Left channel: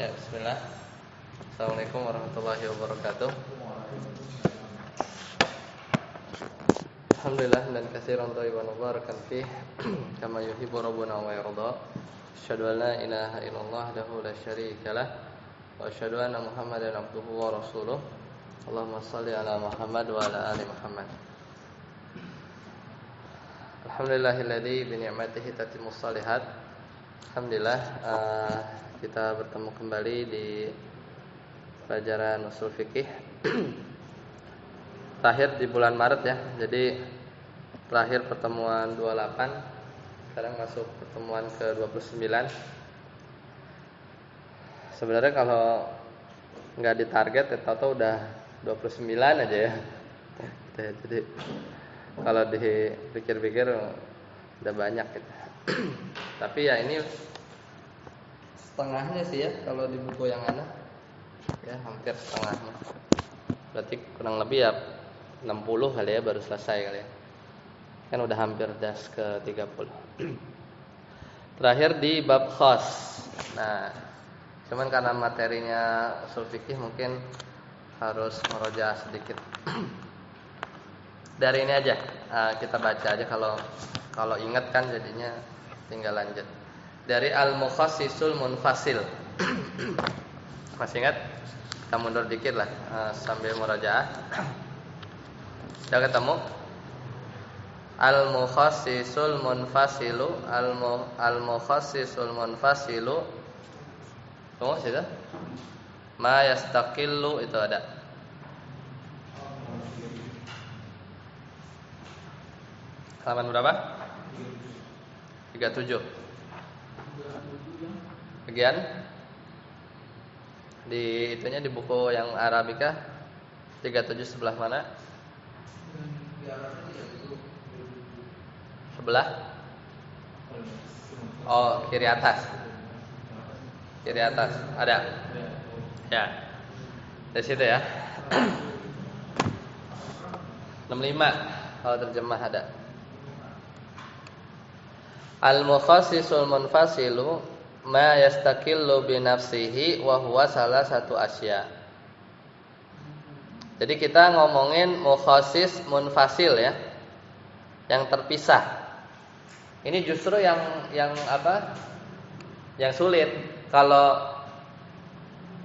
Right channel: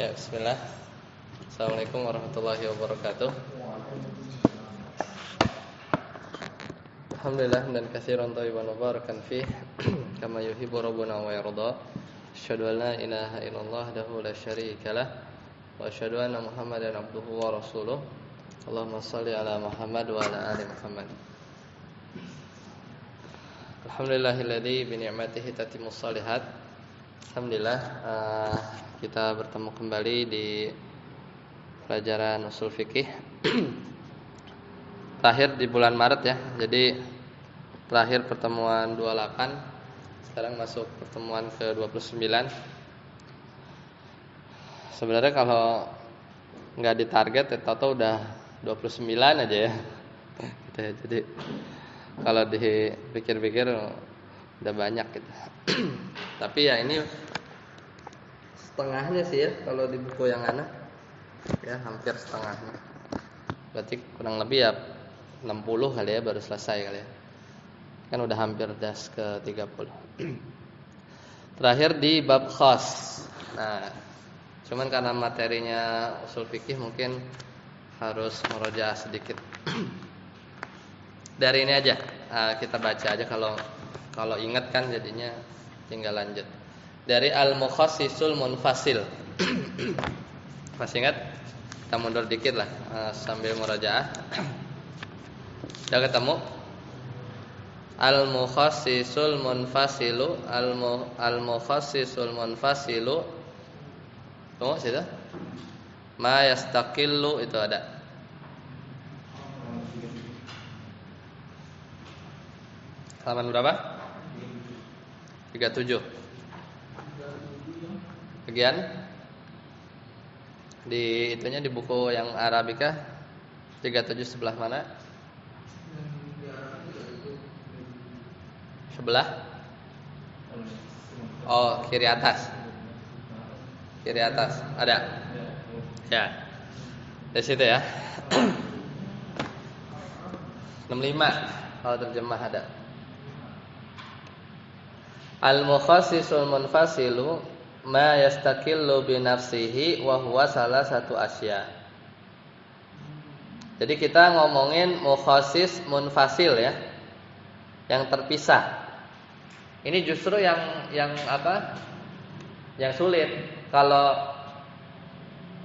Ya, bismillah. Assalamualaikum warahmatullahi wabarakatuh. Alhamdulillah dan katsiran thayyiban mubarakan fih kama yuhibbu rabbuna wa yarda. Asyhadu an la ilaha illallah wahdahu la syarika lah wa asyhadu anna Muhammadan abduhu wa rasuluh. Allahumma shalli ala Muhammad wa ala ali Muhammad. Alhamdulillahilladzi bi ni'matihi tatimmus shalihat. Alhamdulillah kita bertemu kembali di pelajaran usul fikih terakhir di bulan Maret ya. Jadi terakhir pertemuan 28, sekarang masuk pertemuan ke-29. Sebenarnya kalau nggak ditarget atau udah 29 aja ya. Jadi kalau dipikir-pikir udah banyak gitu. Tapi ya ini setengahnya sih ya kalau di buku yang ana. Ya, hampir setengahnya. Berarti kurang lebih ya 60 kali ya baru selesai kali ya. Kan udah hampir das ke 30. Terakhir di bab khas. Nah, cuman karena materinya usul fikih mungkin harus meroja sedikit. Dari ini aja kita baca aja, kalau ingat kan jadinya tinggal lanjut. Dari al-mukhassisul munfasil. Masih ingat? Kita mundur dikit lah sambil murajaah. Udah ketemu? Al-mukhassisul munfasilu, al-mukhassisul munfasilu. Tunggu sudah. Ma yastaqillu itu ada. Halaman berapa? 37. Bagian di itunya di buku yang Arabika 37 sebelah mana? Sebelah? Oh, kiri atas. Kiri atas ada. Ya. Di situ ya. 65 kalau terjemah ada. Al-mukhassisul munfasilu ma yastaqillu bi nafsihi wa huwa salah satu asya. Jadi kita ngomongin mukhassis munfasil ya. Yang terpisah. Ini justru yang apa? Yang sulit. Kalau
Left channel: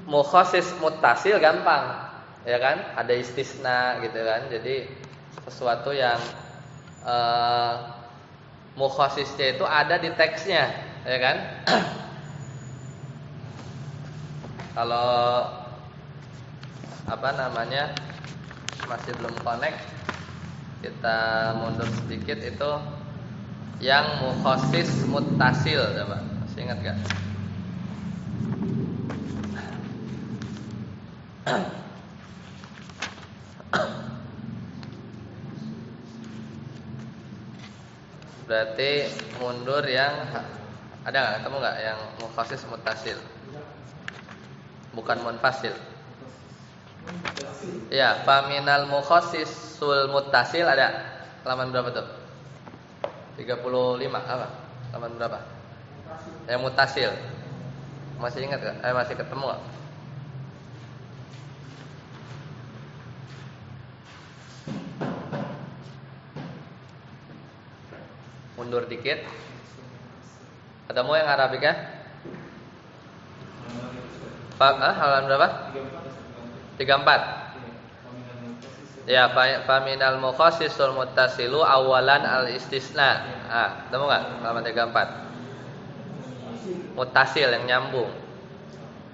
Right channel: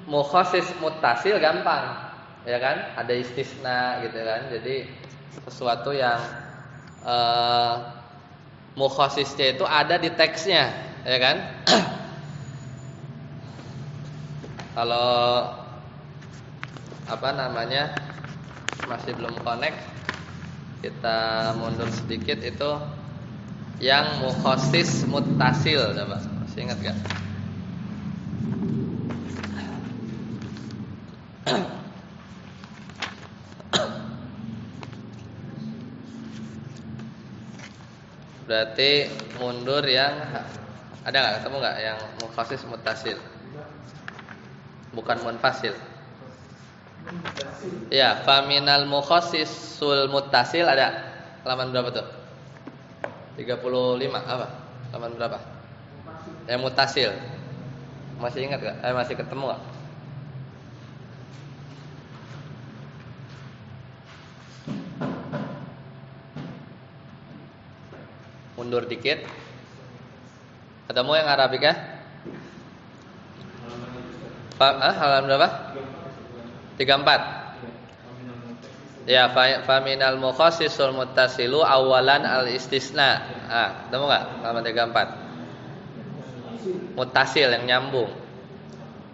mukhassis muttasil gampang, ya kan? Ada istisna gitu kan. Jadi sesuatu yang mukhassisnya itu ada di teksnya, ya kan? Kalau apa namanya masih belum connect, kita mundur sedikit itu yang mukhassis muttasil, coba masih ingat gak? Berarti mundur yang ada nggak, ketemu nggak yang mukhassis muttasil? Bukan munfasil. Ya, faminal mukhassisul muttasil ada. Halaman berapa tuh? 35 apa? Halaman berapa? Yang muttasil. Masih ingat nggak? Masih ketemu nggak? Mundur dikit. Ketemu yang Arabika? Halaman berapa? 34. Ya, faminal mukhassisul muttasilu awalan al-istisna. Ketemu enggak? Halaman 34. Muttasil yang nyambung.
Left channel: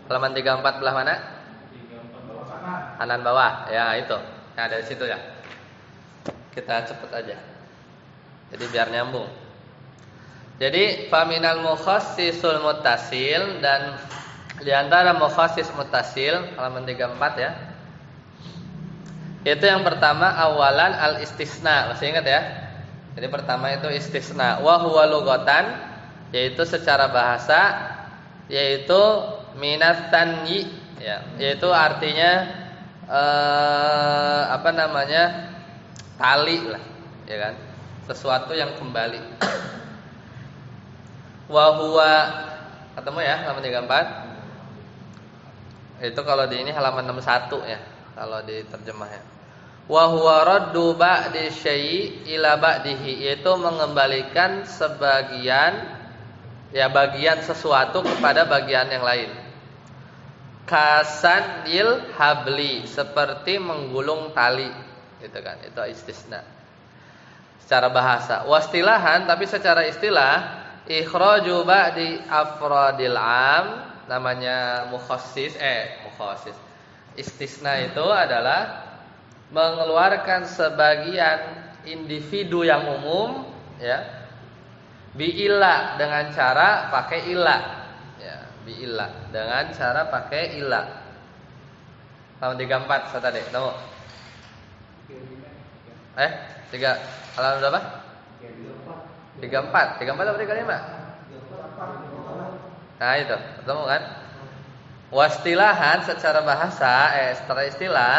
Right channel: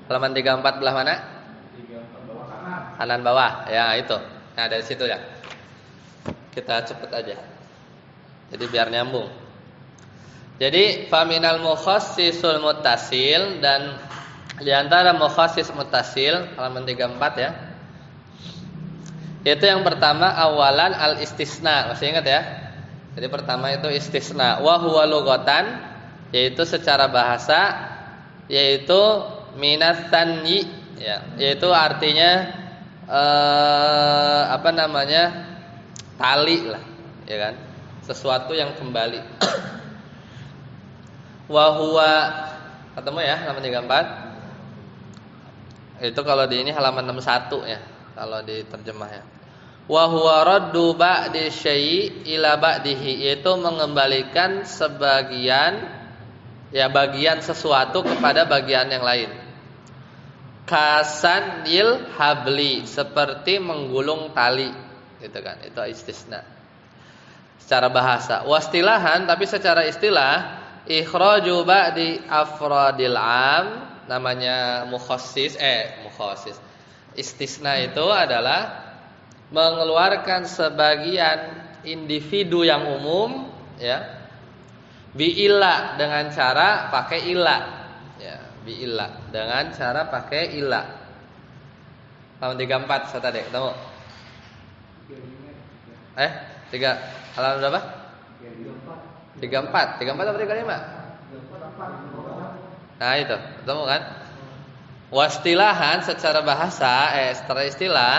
Halaman 34 belah mana? Kanan bawah. Ya, itu. Nah, dari situ ya. Kita cepet aja. Jadi biar nyambung. Jadi faminal mukhassisul muttasil, dan di antara mukhassis muttasil halaman 34 ya. Itu yang pertama awalan al istisna. Masih ingat ya? Jadi pertama itu istisna. Wa huwa lughatan, yaitu secara bahasa, yaitu minat tanyi ya, yaitu artinya apa namanya? Tali lah, ya kan? Sesuatu yang kembali. Wa huwa, ketemu ya halaman 34. Itu kalau di ini halaman 61 ya, kalau di terjemahnya. Wa huwa raddu ba'di syai' ila ba'dihi, yaitu mengembalikan sebagian ya bagian sesuatu kepada bagian yang lain. Kasanil habli, seperti menggulung tali, gitu kan. Itu istisna. Secara bahasa. Wastilahan, tapi secara istilah ikhraju ba'di afradil am, namanya mukhassis. Istisna itu adalah mengeluarkan sebagian individu yang umum ya, bi'illah, dengan cara pakai ilah ya, bi'illah dengan cara pakai ilah. Halaman 34 saya tadi ketemu. 3 halaman berapa? 34 atau 35? Nah itu, ketemu kan? Wastilahan secara bahasa, secara istilah,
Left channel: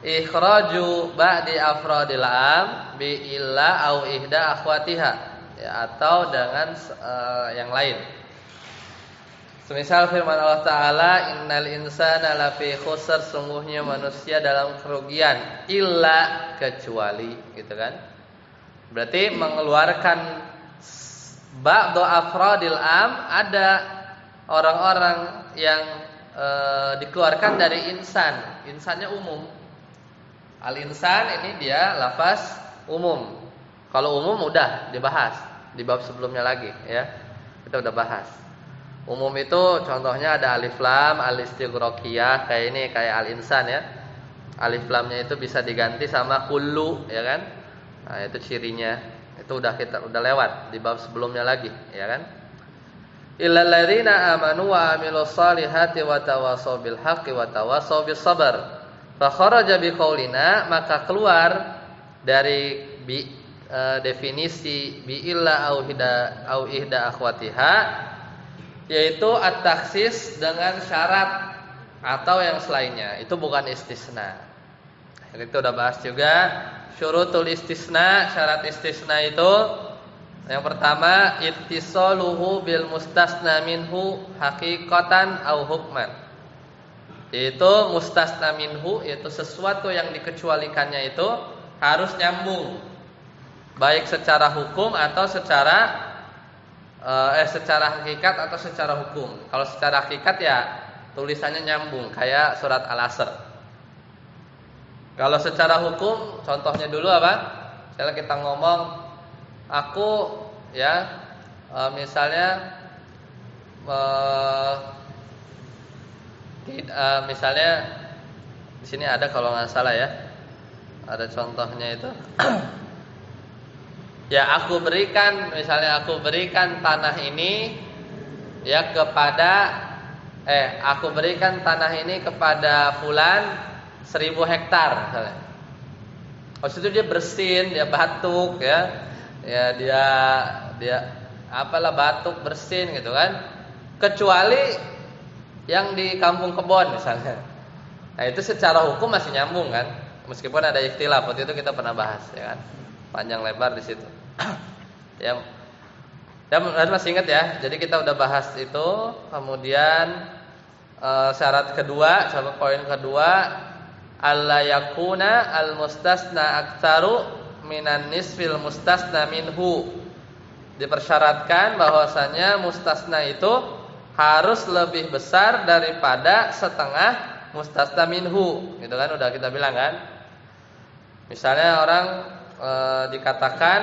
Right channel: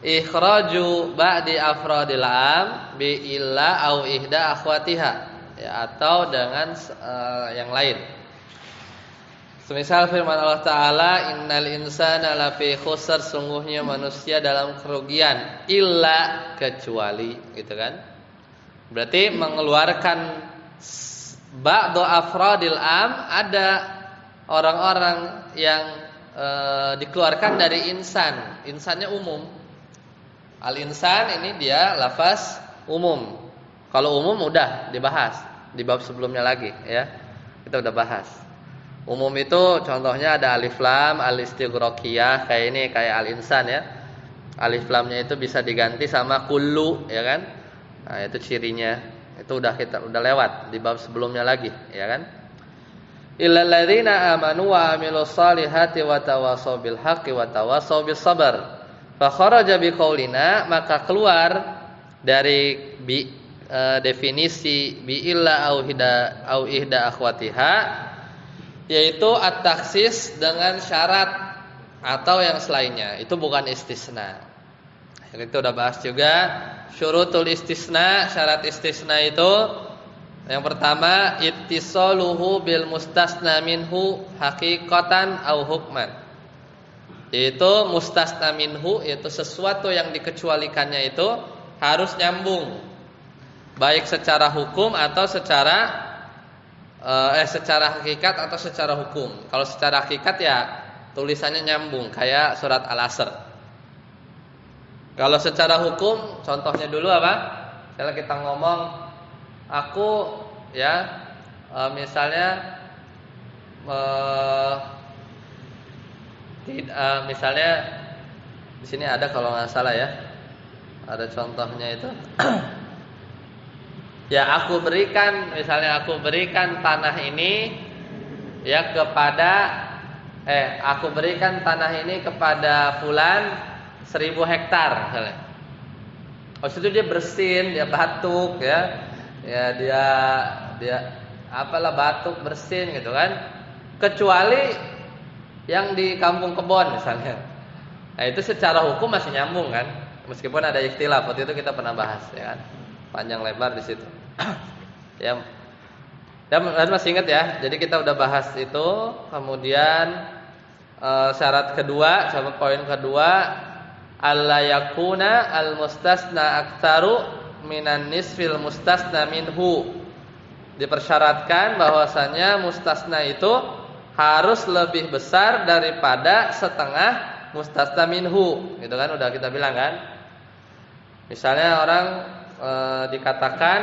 ikhraju ba'di afradil am bi illa au ihda akhwatiha, ya, atau dengan yang lain. Semisal firman Allah Ta'ala, innal insana lafi khusr, sungguhnya manusia dalam kerugian, illa, kecuali, gitu kan? Berarti mengeluarkan ba'du afradil am, ada orang-orang yang dikeluarkan dari insan. Insannya umum. Al-insan ini dia lafaz umum. Kalau umum udah dibahas di bab sebelumnya lagi ya. Kita udah bahas. Umum itu contohnya ada alif lam, al-istighraqiyah, kayak ini, kayak al-insan ya. Alif lamnya itu bisa diganti sama kullu, ya kan? Nah, itu cirinya. Itu kita udah lewat di bab sebelumnya lagi, ya kan? Illal ladzina amanu wa amilus solihati wa tawasaw bil haqqi wa tawasaw bis sabr. Fa kharaja bi qaulina, maka keluar dari definisi bi illa au ihda akhwatiha, yaitu at-takhsis dengan syarat atau yang selainnya. Itu bukan istisna. Kita udah bahas juga syurutul istisna, syarat istisna itu yang pertama ittisaluhu bil mustasna minhu haqiqatan au hukman. Yaitu mustasna minhu, yaitu sesuatu yang dikecualikannya itu harus nyambung, baik secara hukum atau secara hakikat atau secara hukum. Kalau secara hakikat ya tulisannya nyambung kayak surat Al-Asr. Kalau secara hukum, contohnya dulu apa? Misalnya kita ngomong, aku ya misalnya misalnya di sini ada kalau nggak salah ya, ada contohnya itu. Ya aku berikan, misalnya aku berikan tanah ini ya aku berikan tanah ini kepada fulan 1000 hektar misalnya. Habis itu dia bersin, dia batuk ya. Ya dia apalah batuk bersin gitu kan. Kecuali yang di kampung kebon misalnya. Nah, itu secara hukum masih nyambung kan. Meskipun ada ikhtilaf, waktu itu kita pernah bahas ya kan. Panjang lebar di situ. Ya. Dan masih ingat ya. Jadi kita udah bahas itu. Kemudian syarat kedua, syarat poin kedua, alla yakuna al mustasna aktsaru minan nisfil mustasna minhu. Dipersyaratkan bahwasanya mustasna itu harus lebih besar daripada setengah mustasna minhu. Gitu kan udah kita bilang kan. Misalnya orang dikatakan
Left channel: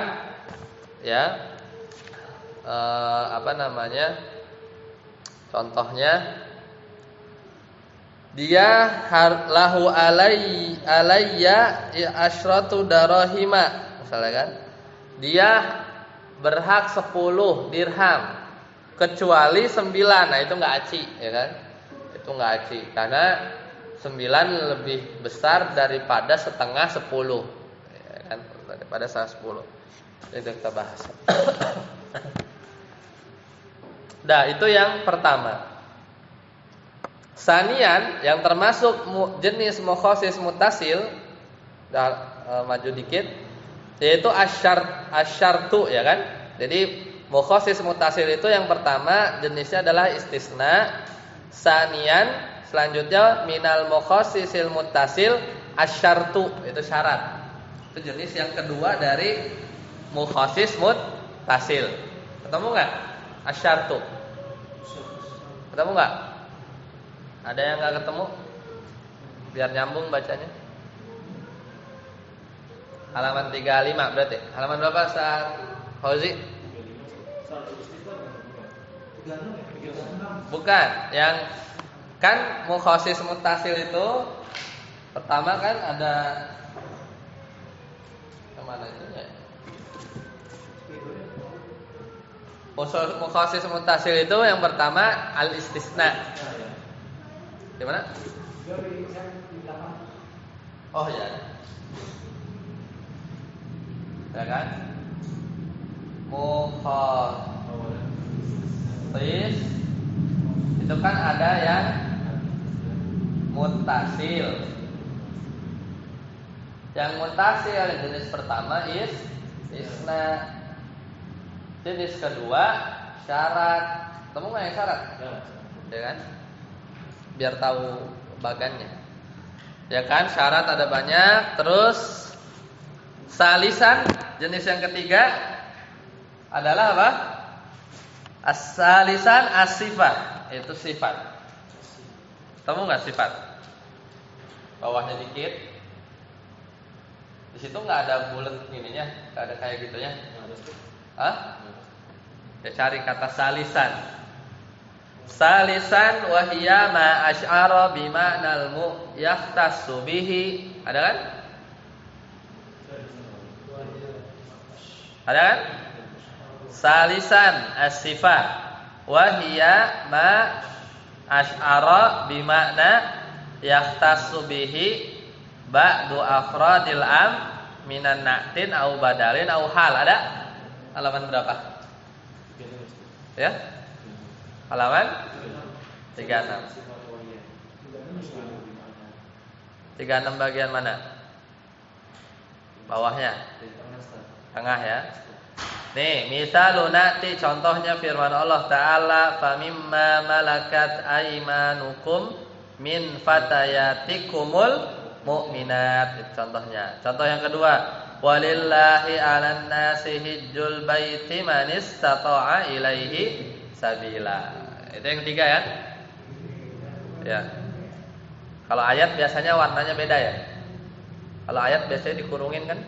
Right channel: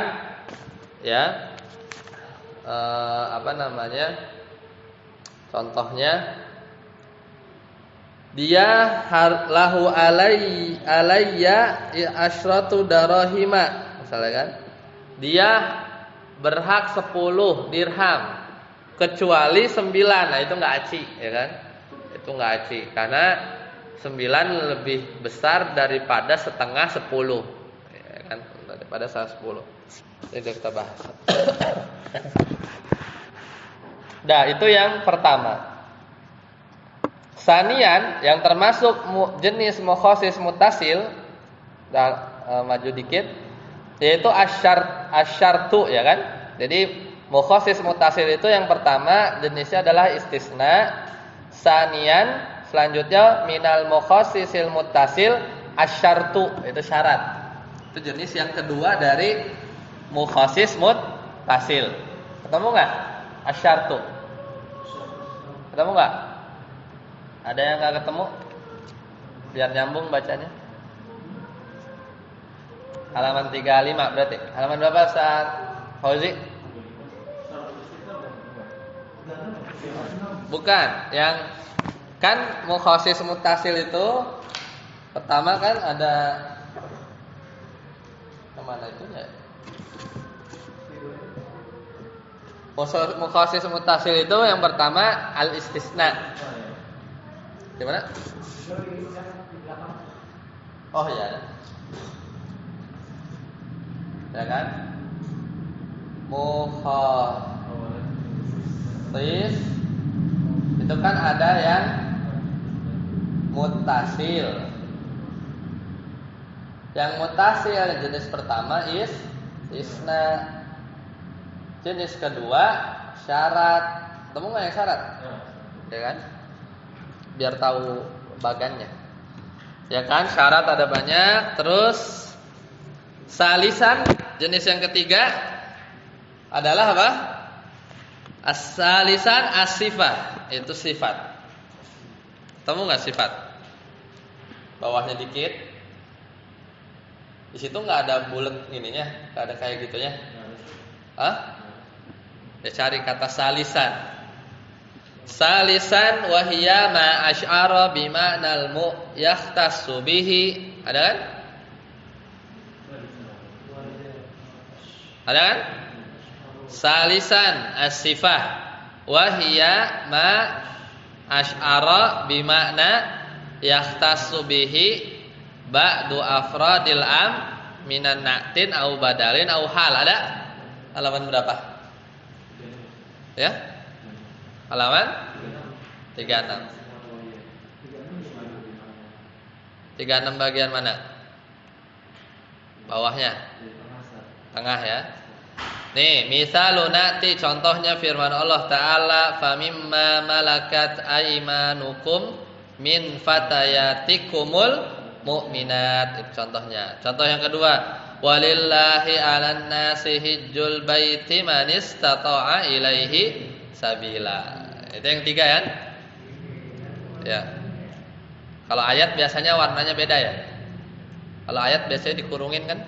ya contohnya dia lahu alayya asyratu darahima misalnya kan, dia berhak 10 dirham kecuali 9. Nah itu enggak aci ya kan, itu enggak aci karena 9 lebih besar daripada setengah 10 ya kan, daripada setengah 10. Itu kita bahas. Nah itu yang pertama. Sanian yang termasuk jenis mukhasis mutasil, maju dikit, yaitu asyartu ya kan. Jadi mukhasis mutasil itu yang pertama jenisnya adalah istisna. Sanian selanjutnya minal mukhassisil muttasil asyartu, itu syarat. Itu jenis yang kedua dari mukhassis muttasil. Ketemu enggak? Asyartu. Ketemu enggak? Ada yang enggak ketemu? Biar nyambung bacanya. Halaman 35 berarti. Halaman berapa Ustaz Fauzi? Bukan, yang kan mukhassis muttasil itu pertama kan ada kemana itu ya? Mukhassis muttasil itu yang pertama al istisna. Di mana? Oh ya. Ya kan? Mukhassis itu kan ada yang muttasil. Yang muttasil jenis pertama istisna. Jenis kedua syarat. Ketemu nggak yang syarat? Ya kan? Biar tahu bagannya. Ya kan? Syarat ada banyak. Terus salisan jenis yang ketiga adalah apa? As-salisan as-sifat, itu sifat. Ketemu nggak sifat? Bawahnya dikit. Di situ nggak ada bulat ininya, nggak ada kayak gitunya. Hah? Ya cari kata salisan. Salisan wahiyya ma asy'ara bima'nal mu yahtassu bihi. Ada kan? Ada kan? Salisan as-sifah wahiyya ma asy'ara bima'na yahtassu bihi ba'du afradil am minan na'tin au badalin au hal. Ada? Halaman berapa? Ya? Halaman 36. 36 bagian mana? Bawahnya. Tengah ya. Nih, misalun na'ti contohnya firman Allah Ta'ala famimma malakat aymanukum min fatayatikumul mu'minat. Itu contohnya. Contoh yang kedua, walillahi 'alan nasi hijjul baiti man istata'a ilaihi sabila. Itu yang tiga ya. Ya. Kalau ayat biasanya warnanya beda ya. Kalau ayat biasanya dikurungin kan?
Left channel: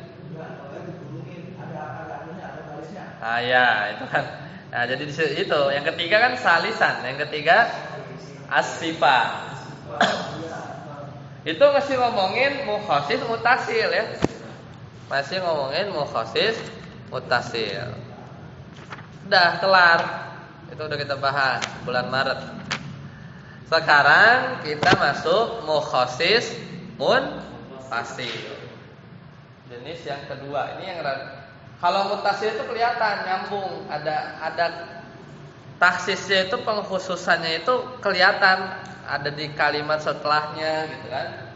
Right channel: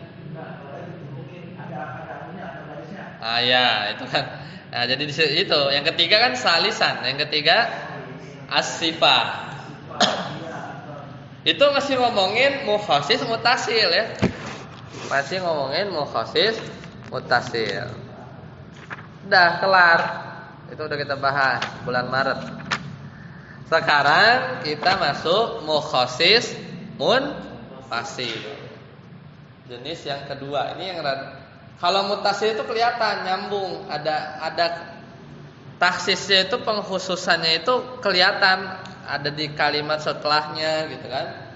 Ah ya, itu kan. Nah, jadi itu yang ketiga kan salisan, yang ketiga as-sifah. Itu masih ngomongin mukhassis muttasil ya. Masih ngomongin mukhassis muttasil. Udah kelar. Itu udah kita bahas bulan Maret. Sekarang kita masuk mukhassis munfasil. Jenis yang kedua. Ini yang kalau muttasil itu kelihatan nyambung, ada taksisnya itu pengkhususannya itu kelihatan ada di kalimat setelahnya gitu kan.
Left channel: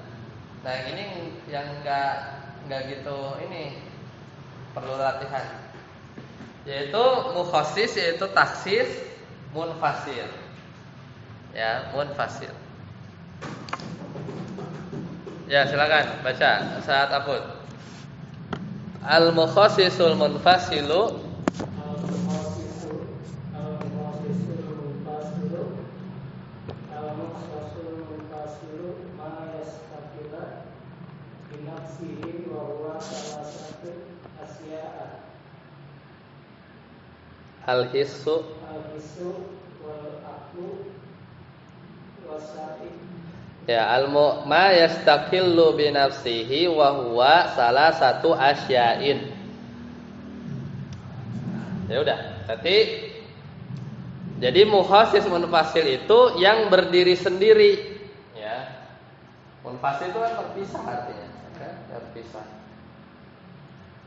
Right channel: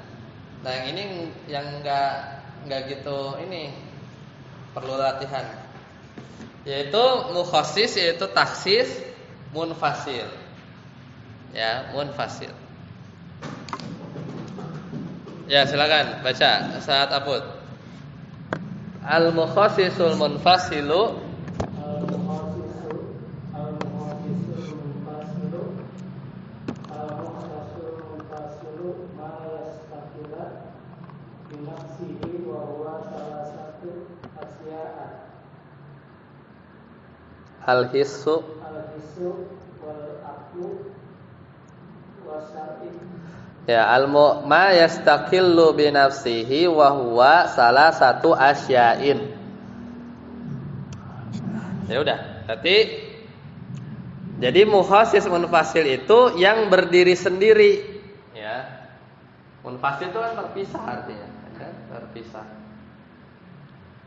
Nah, yang ini yang enggak gitu, ini perlu latihan. Yaitu mukhassis yaitu taksis munfasil. Ya, munfasil. Ya, silakan baca saat Apud. Al-mukhassisul munfasilu al-hissu wal aqlu wasati. Ya, ma yastaqillu bi nafsihi wa huwa salah satu asya'in. Ya udah, jadi mukhassis munfasil itu yang berdiri sendiri, ya. Munfasil itu kan terpisah artinya, kan? Terpisah.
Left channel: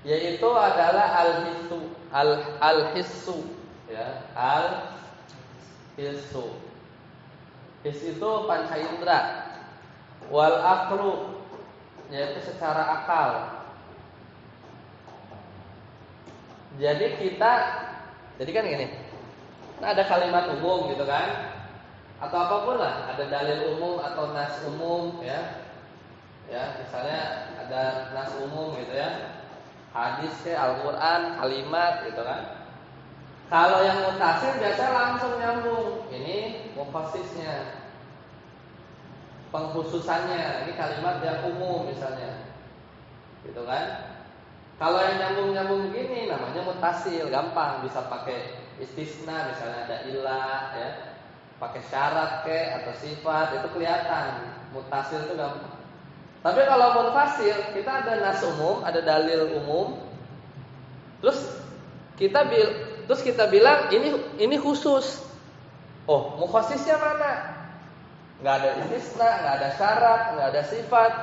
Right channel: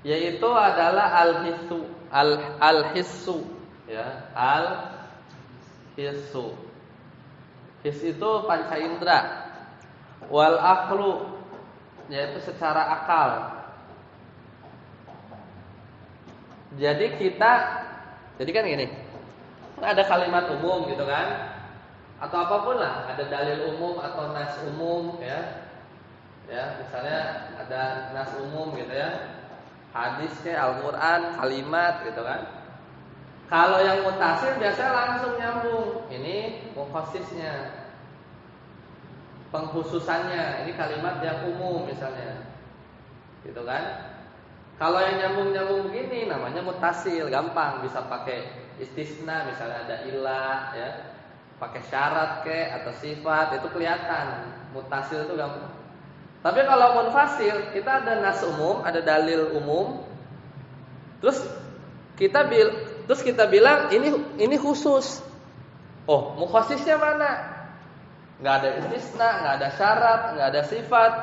Yaitu adalah al-hissu, ya, al-hissu. His itu panca indera. Wal aqlu yaitu secara akal. Jadi kan gini. Ada kalimat umum gitu kan. atau apapun lah, ada dalil umum atau nas umum ya. Ya, misalnya ada nas umum gitu ya. Hadis ke Al-Qur'an, kalimat gitu kan. Kalau yang mutasil biasanya langsung nyambung. Ini mufasisnya, pengkhususannya. Ini kalimat yang umum misalnya, gitu kan? Kalau yang nyambung-nyambung begini namanya mutasil, gampang bisa pakai istisna, misalnya ada ilah, ya, pakai syarat ke atau sifat itu kelihatan. Mutasil itu gampang. Tapi kalau munfasil kita ada nas umum, ada dalil umum, terus kita bilang ini khusus. Oh, mukhasisnya mana? Nggak ada istisna, nggak ada syarat, nggak ada sifat.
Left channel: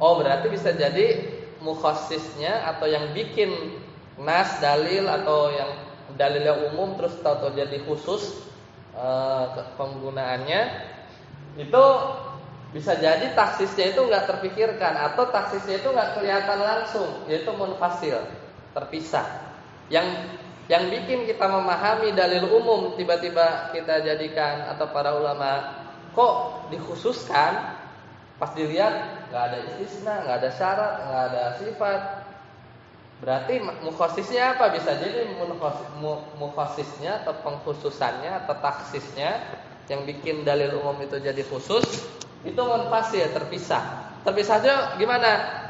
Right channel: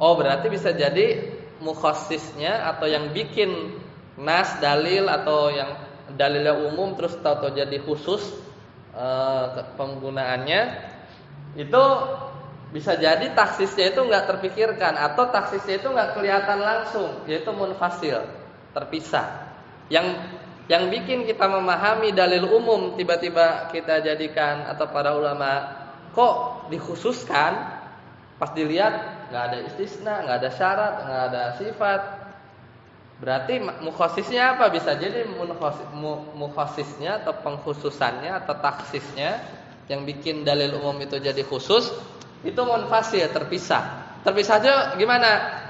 Oh, berarti bisa jadi mukhasisnya atau yang bikin nas dalil atau yang dalilnya umum terus tahu-tahu jadi khusus penggunaannya itu bisa jadi taksisnya itu nggak terpikirkan atau taksisnya itu nggak kelihatan langsung, yaitu munfasil, terpisah. Yang bikin kita memahami dalil umum tiba-tiba kita jadikan atau para ulama kok dikhususkan, pas dilihat nggak ada istisna, nggak ada syarat, nggak ada sifat, berarti mukhasisnya apa? Bisa jadi mukhasisnya atau pengkhususannya atau taksisnya yang bikin dalil umum itu jadi khusus itu munfasil, terpisah. Terpisahnya gimana?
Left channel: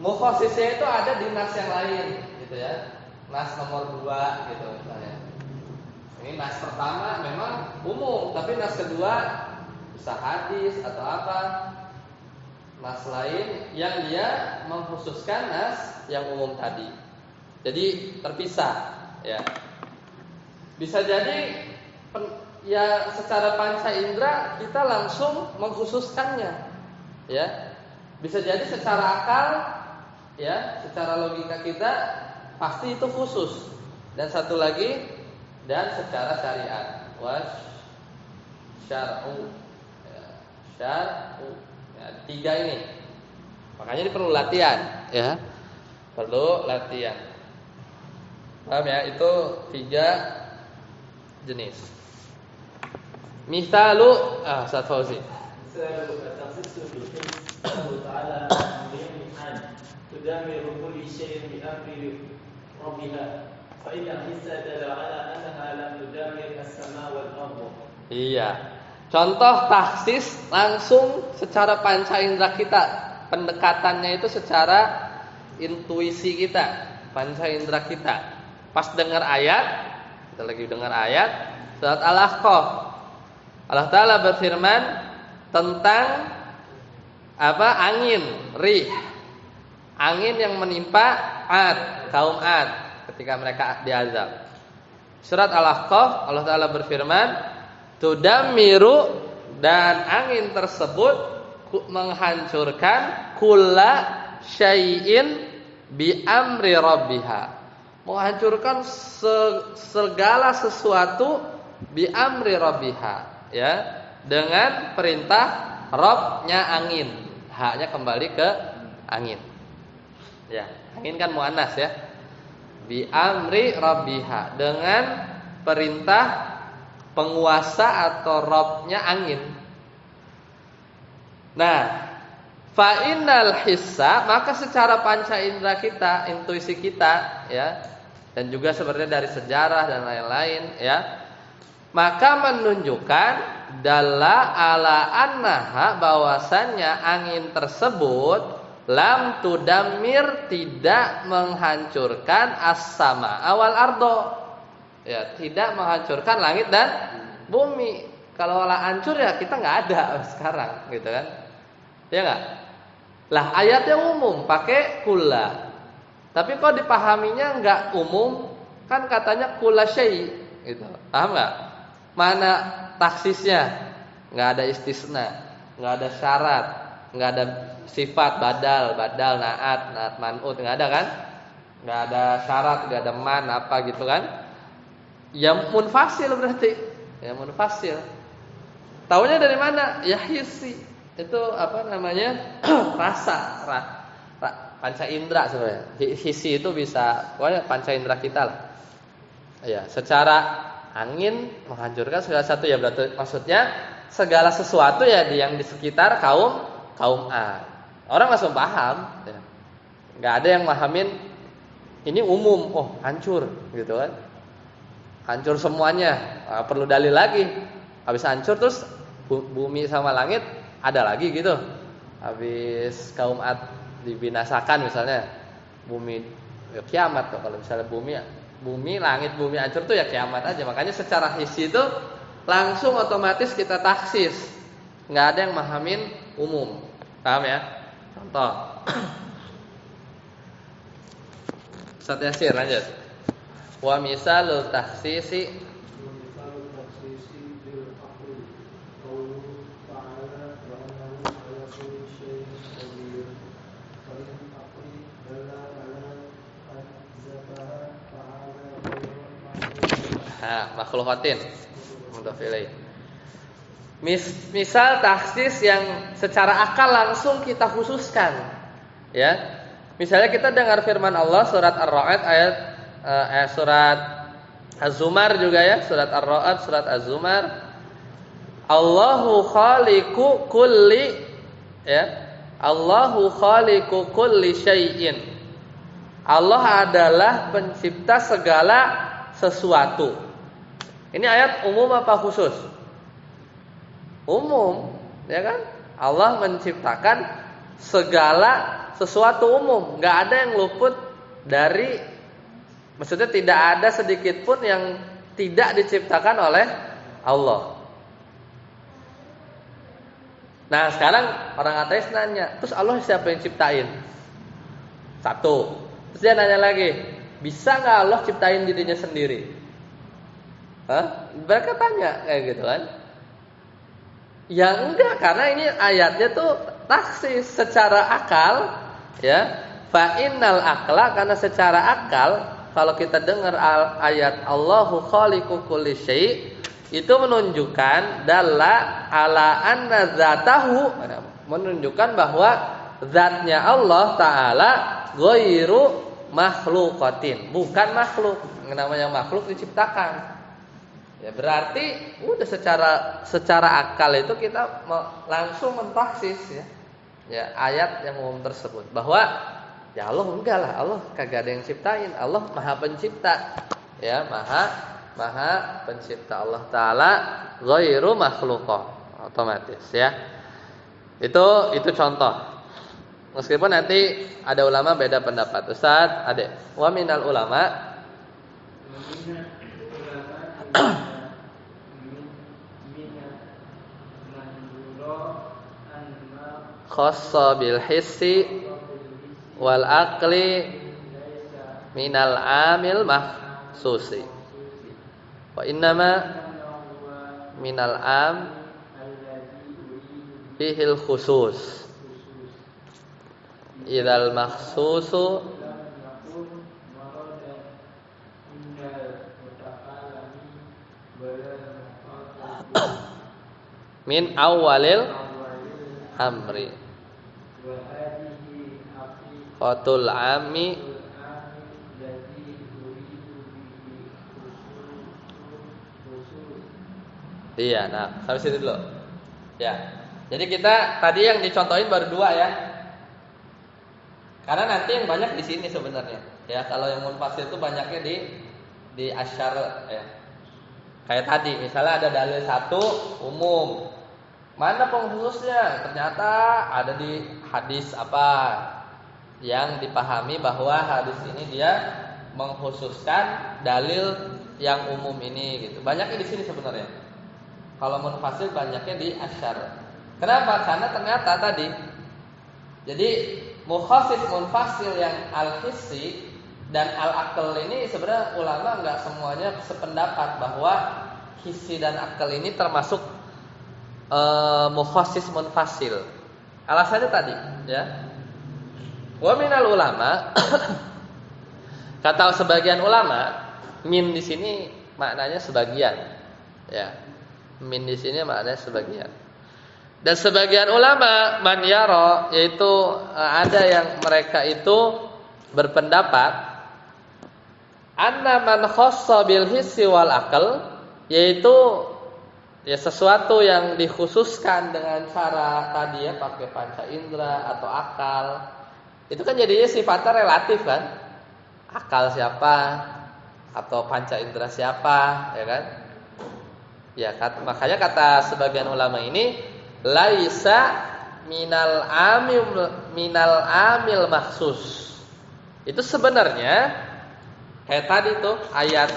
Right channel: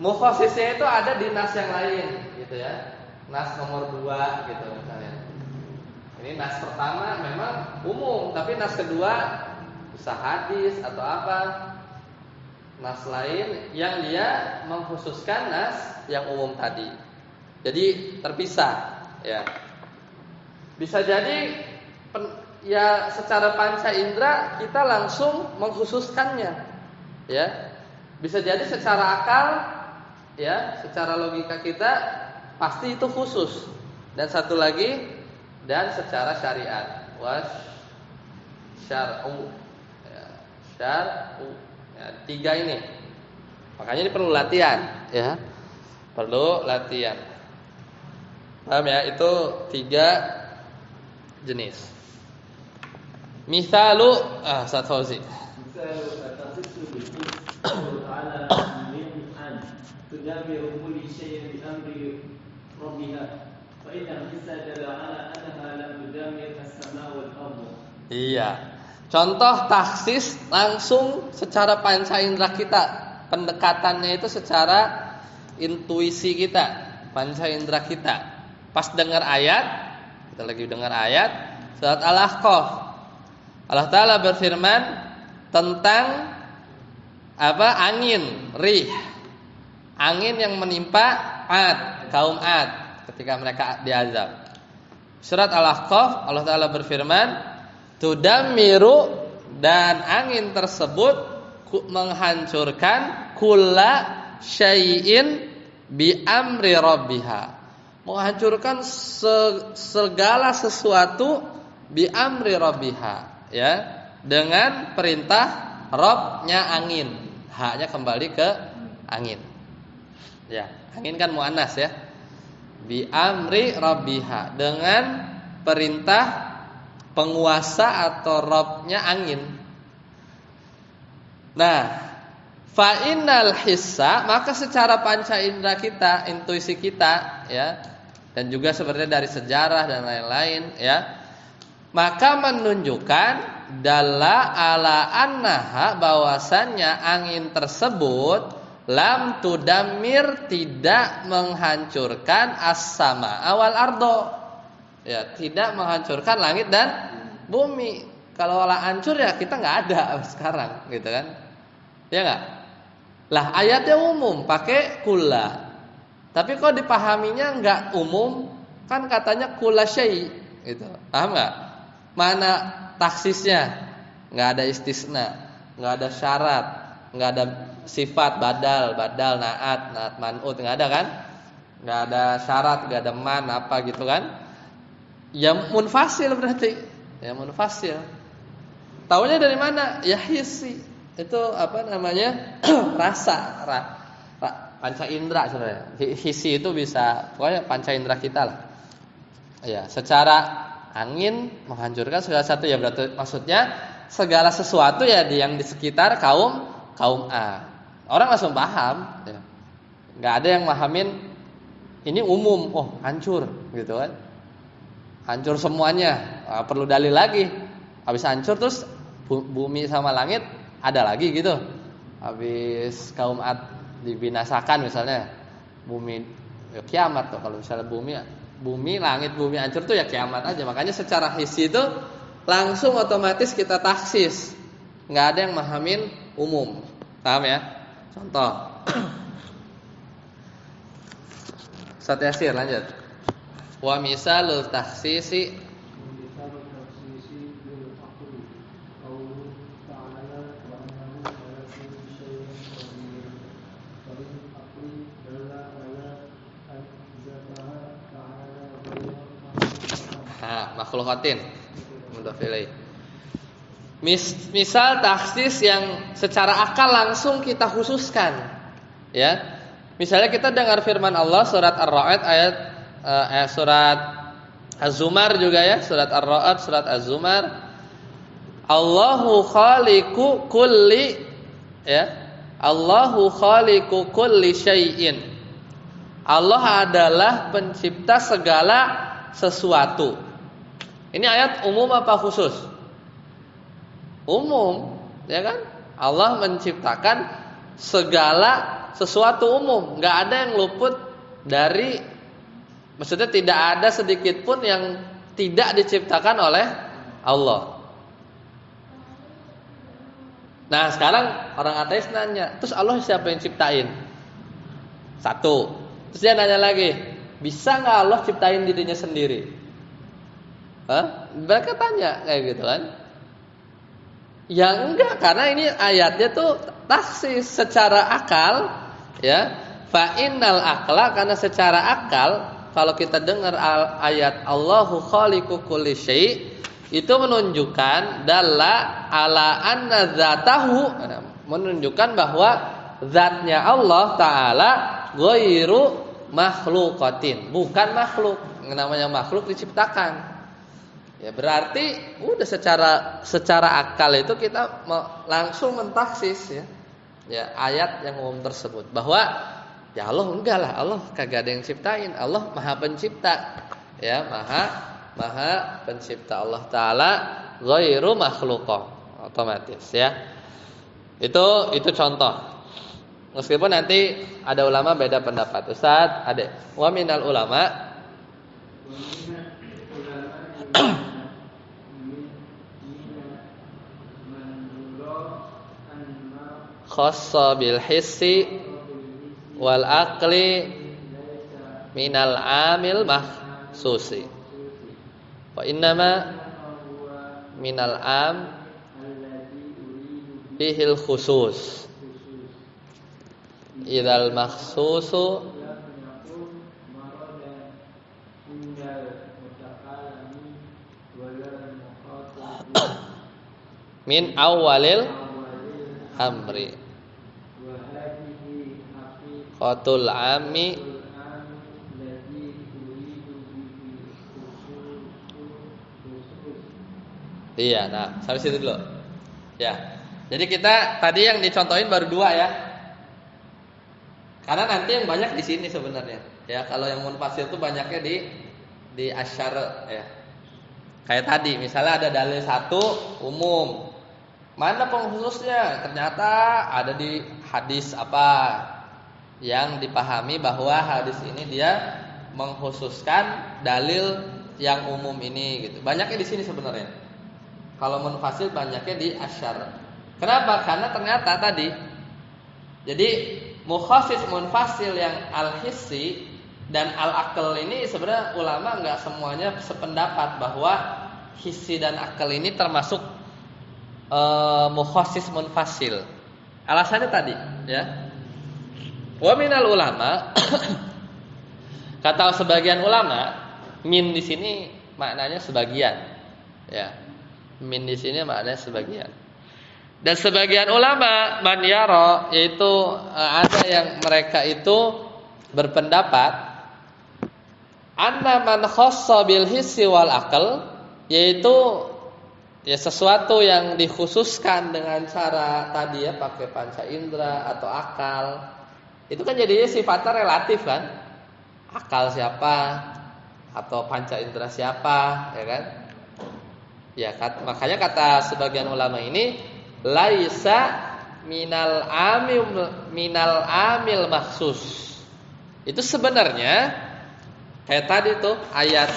Mukhasisnya itu ada di nas yang lain gitu ya. Nas nomor 2 gitu misalnya. Ini nas pertama memang umum, tapi nas kedua bisa hadis atau apa. Nas lain yang dia mengkhususkan nas yang umum tadi. Jadi terpisah ya. Bisa jadi ya secara panca indera kita langsung mengkhususkannya. Ya. Bisa jadi secara akal ya, secara logika kita pasti itu khusus. Dan satu lagi, dan secara syariat, syar'u, ya, syar'u, ya, 3 ini. Makanya ini perlu latihan, ya, perlu latihan. Paham ya? Itu 3 jenis. Misalu, Ustaz Fauzi. Misalu at-takhsis bil ta'ala an tudammiru kulli shay'in bi amri rabbiha fa inna hissa dalla ala annaha lam tudammir as-samaa wal ardh. Iya. Contoh taksis langsung secara panca indera kita. Pendekatannya itu secara intuisi kita, panca indera kita. Pas dengar ayat, kita lagi dengar ayat surat Al-Ahqaf. Allah Ta'ala berfirman tentang apa? Angin, rih. Angin yang menimpa Ad, kaum Ad ketika mereka diazab. Surat Al-Ahqaf Allah Ta'ala berfirman, tudammiru, dan angin tersebut menghancurkan kulla syai'in bi amri rabbiha. Menghancurkan segala sesuatu bi amri rabbiha, ya, dengan perintah Rabbnya angin. Haknya kembali ke angin. Ya, angin kan muannas ya. Bi amri rabbiha, dengan perintah penguasa atau Rabbnya angin. Nah, fa innal hissa, maka secara panca indera kita, intuisi kita ya, dan juga sebenarnya dari sejarah dan lain-lain ya, maka menunjukkan dalla ala annaha, bahwasannya angin tersebut lam tudammir, tidak menghancurkan as-sama awal ardo, ya, tidak menghancurkan langit dan bumi. Kalau hancur ya kita nggak ada sekarang, gitu kan? Ya nggak? Lah ayatnya umum, pakai kulla. Tapi kok dipahaminya nggak umum? Kan katanya kulla syai, gitu. Paham nggak? Mana taksisnya? Nggak ada istisna, nggak ada syarat, nggak ada sifat badal, naat man'ut, nggak ada kan? Nggak ada syarat, nggak ada man apa gitu kan? Ya munfasil berarti, ya munfasil. Taunya dari mana? Ya hissi. Itu apa namanya? Rasa, panca indera sebenarnya. Hissi itu bisa, pokoknya panca indera kita lah. Ya, secara angin menghancurkan segala sesuatu ya, berarti maksudnya segala sesuatu ya yang di sekitar kaum A. Orang langsung paham. Ya. Nggak ada yang mahamin ini umum, oh hancur gitu kan. Hancur semuanya, perlu dalil lagi. Habis hancur terus bumi sama langit ada lagi gitu. Habis kaum Ad dibinasakan misalnya, bumi ya kiamat tuh. Kalau misalnya bumi langit bumi hancur tuh ya kiamat aja. Makanya secara hissi itu langsung otomatis kita taksis. Nggak ada yang mahamin umum. Paham ya? Contoh. Ustaz Yasir lanjut. Wa misalul taksisi makhlukatin mudhaf ilaih. Misal taksis yang secara akal langsung kita khususkan, ya. Misalnya kita dengar firman Allah surat Ar-Ra'd ayat surat Az-Zumar juga ya, surat Ar-Ra'd, surat Az-Zumar. Allahu khaliqu kulli ya. Allahu khaliqu kulli syai'in. Allah adalah pencipta segala sesuatu. Ini ayat umum apa khusus? Umum, ya kan? Allah menciptakan segala sesuatu umum, nggak ada yang luput dari, maksudnya tidak ada sedikit pun yang tidak diciptakan oleh Allah. Nah sekarang orang ateis nanya, terus Allah siapa yang ciptain? Satu. Terus dia nanya lagi, bisa nggak Allah ciptain dirinya sendiri? Hah? Mereka tanya kayak gitu kan? Ya enggak, karena ini ayatnya tuh taksis secara akal, ya. Fa innal aqla, karena secara akal kalau kita dengar ayat Allahu khaliqu kulli syai' itu menunjukkan dalla ala anna dzatahu, menunjukkan bahwa zatnya Allah taala ghairu makhluqatin, bukan makhluk. Namanya makhluk diciptakan. Ya berarti udah secara akal itu kita langsung mentaksis ya. Ya ayat yang umum tersebut bahwa ya Allah enggak lah, Allah kagak ada yang ciptain, Allah Maha Pencipta. Ya, Maha Pencipta, Allah taala ghairu makhluqah, otomatis ya. Itu contoh. Meskipun nanti ada ulama beda pendapat. Ustaz, ada wa minal ulama khassa bil hissi wal aqli minal amil mahsusi wa innama minal am fihil khusus idal mahsusu min awalil amri qatul ami. Iya, nah sampai situ dulu. Ya. Jadi kita tadi yang dicontohin baru 2 ya. Karena nanti yang banyak di sini sebenarnya. Ya, kalau yang munfasil itu banyaknya di asyara ya. Kayak tadi, misalnya ada dalil 1 umum. Mana pengkhususnya? Ternyata ada di hadis apa yang dipahami bahwa hadis ini dia mengkhususkan dalil yang umum ini gitu. Banyaknya di sini sebenarnya. Kalau munfasil banyaknya di asyar. Kenapa? Karena ternyata tadi jadi mukhasis munfasil yang al-hissi dan al-aql ini sebenarnya ulama enggak semuanya sependapat bahwa hissi dan akal ini termasuk mukhasis munfasil. Alasannya tadi, ya. Wa minal ulama kata sebagian ulama, min di sini maknanya sebagian. Ya. Min di sini maknanya sebagian. Dan sebagian ulama man yara, yaitu ada yang mereka itu berpendapat anna man khassa bil hissi wal aql, yaitu ya sesuatu yang dikhususkan dengan cara tadi ya pakai panca indera atau akal. Itu kan jadinya sifatnya relatif kan? Akal siapa atau panca indera siapa, ya kan? Ya, makanya kata sebagian ulama ini laisa minal amil maksus. Itu sebenarnya kayak tadi tuh ayat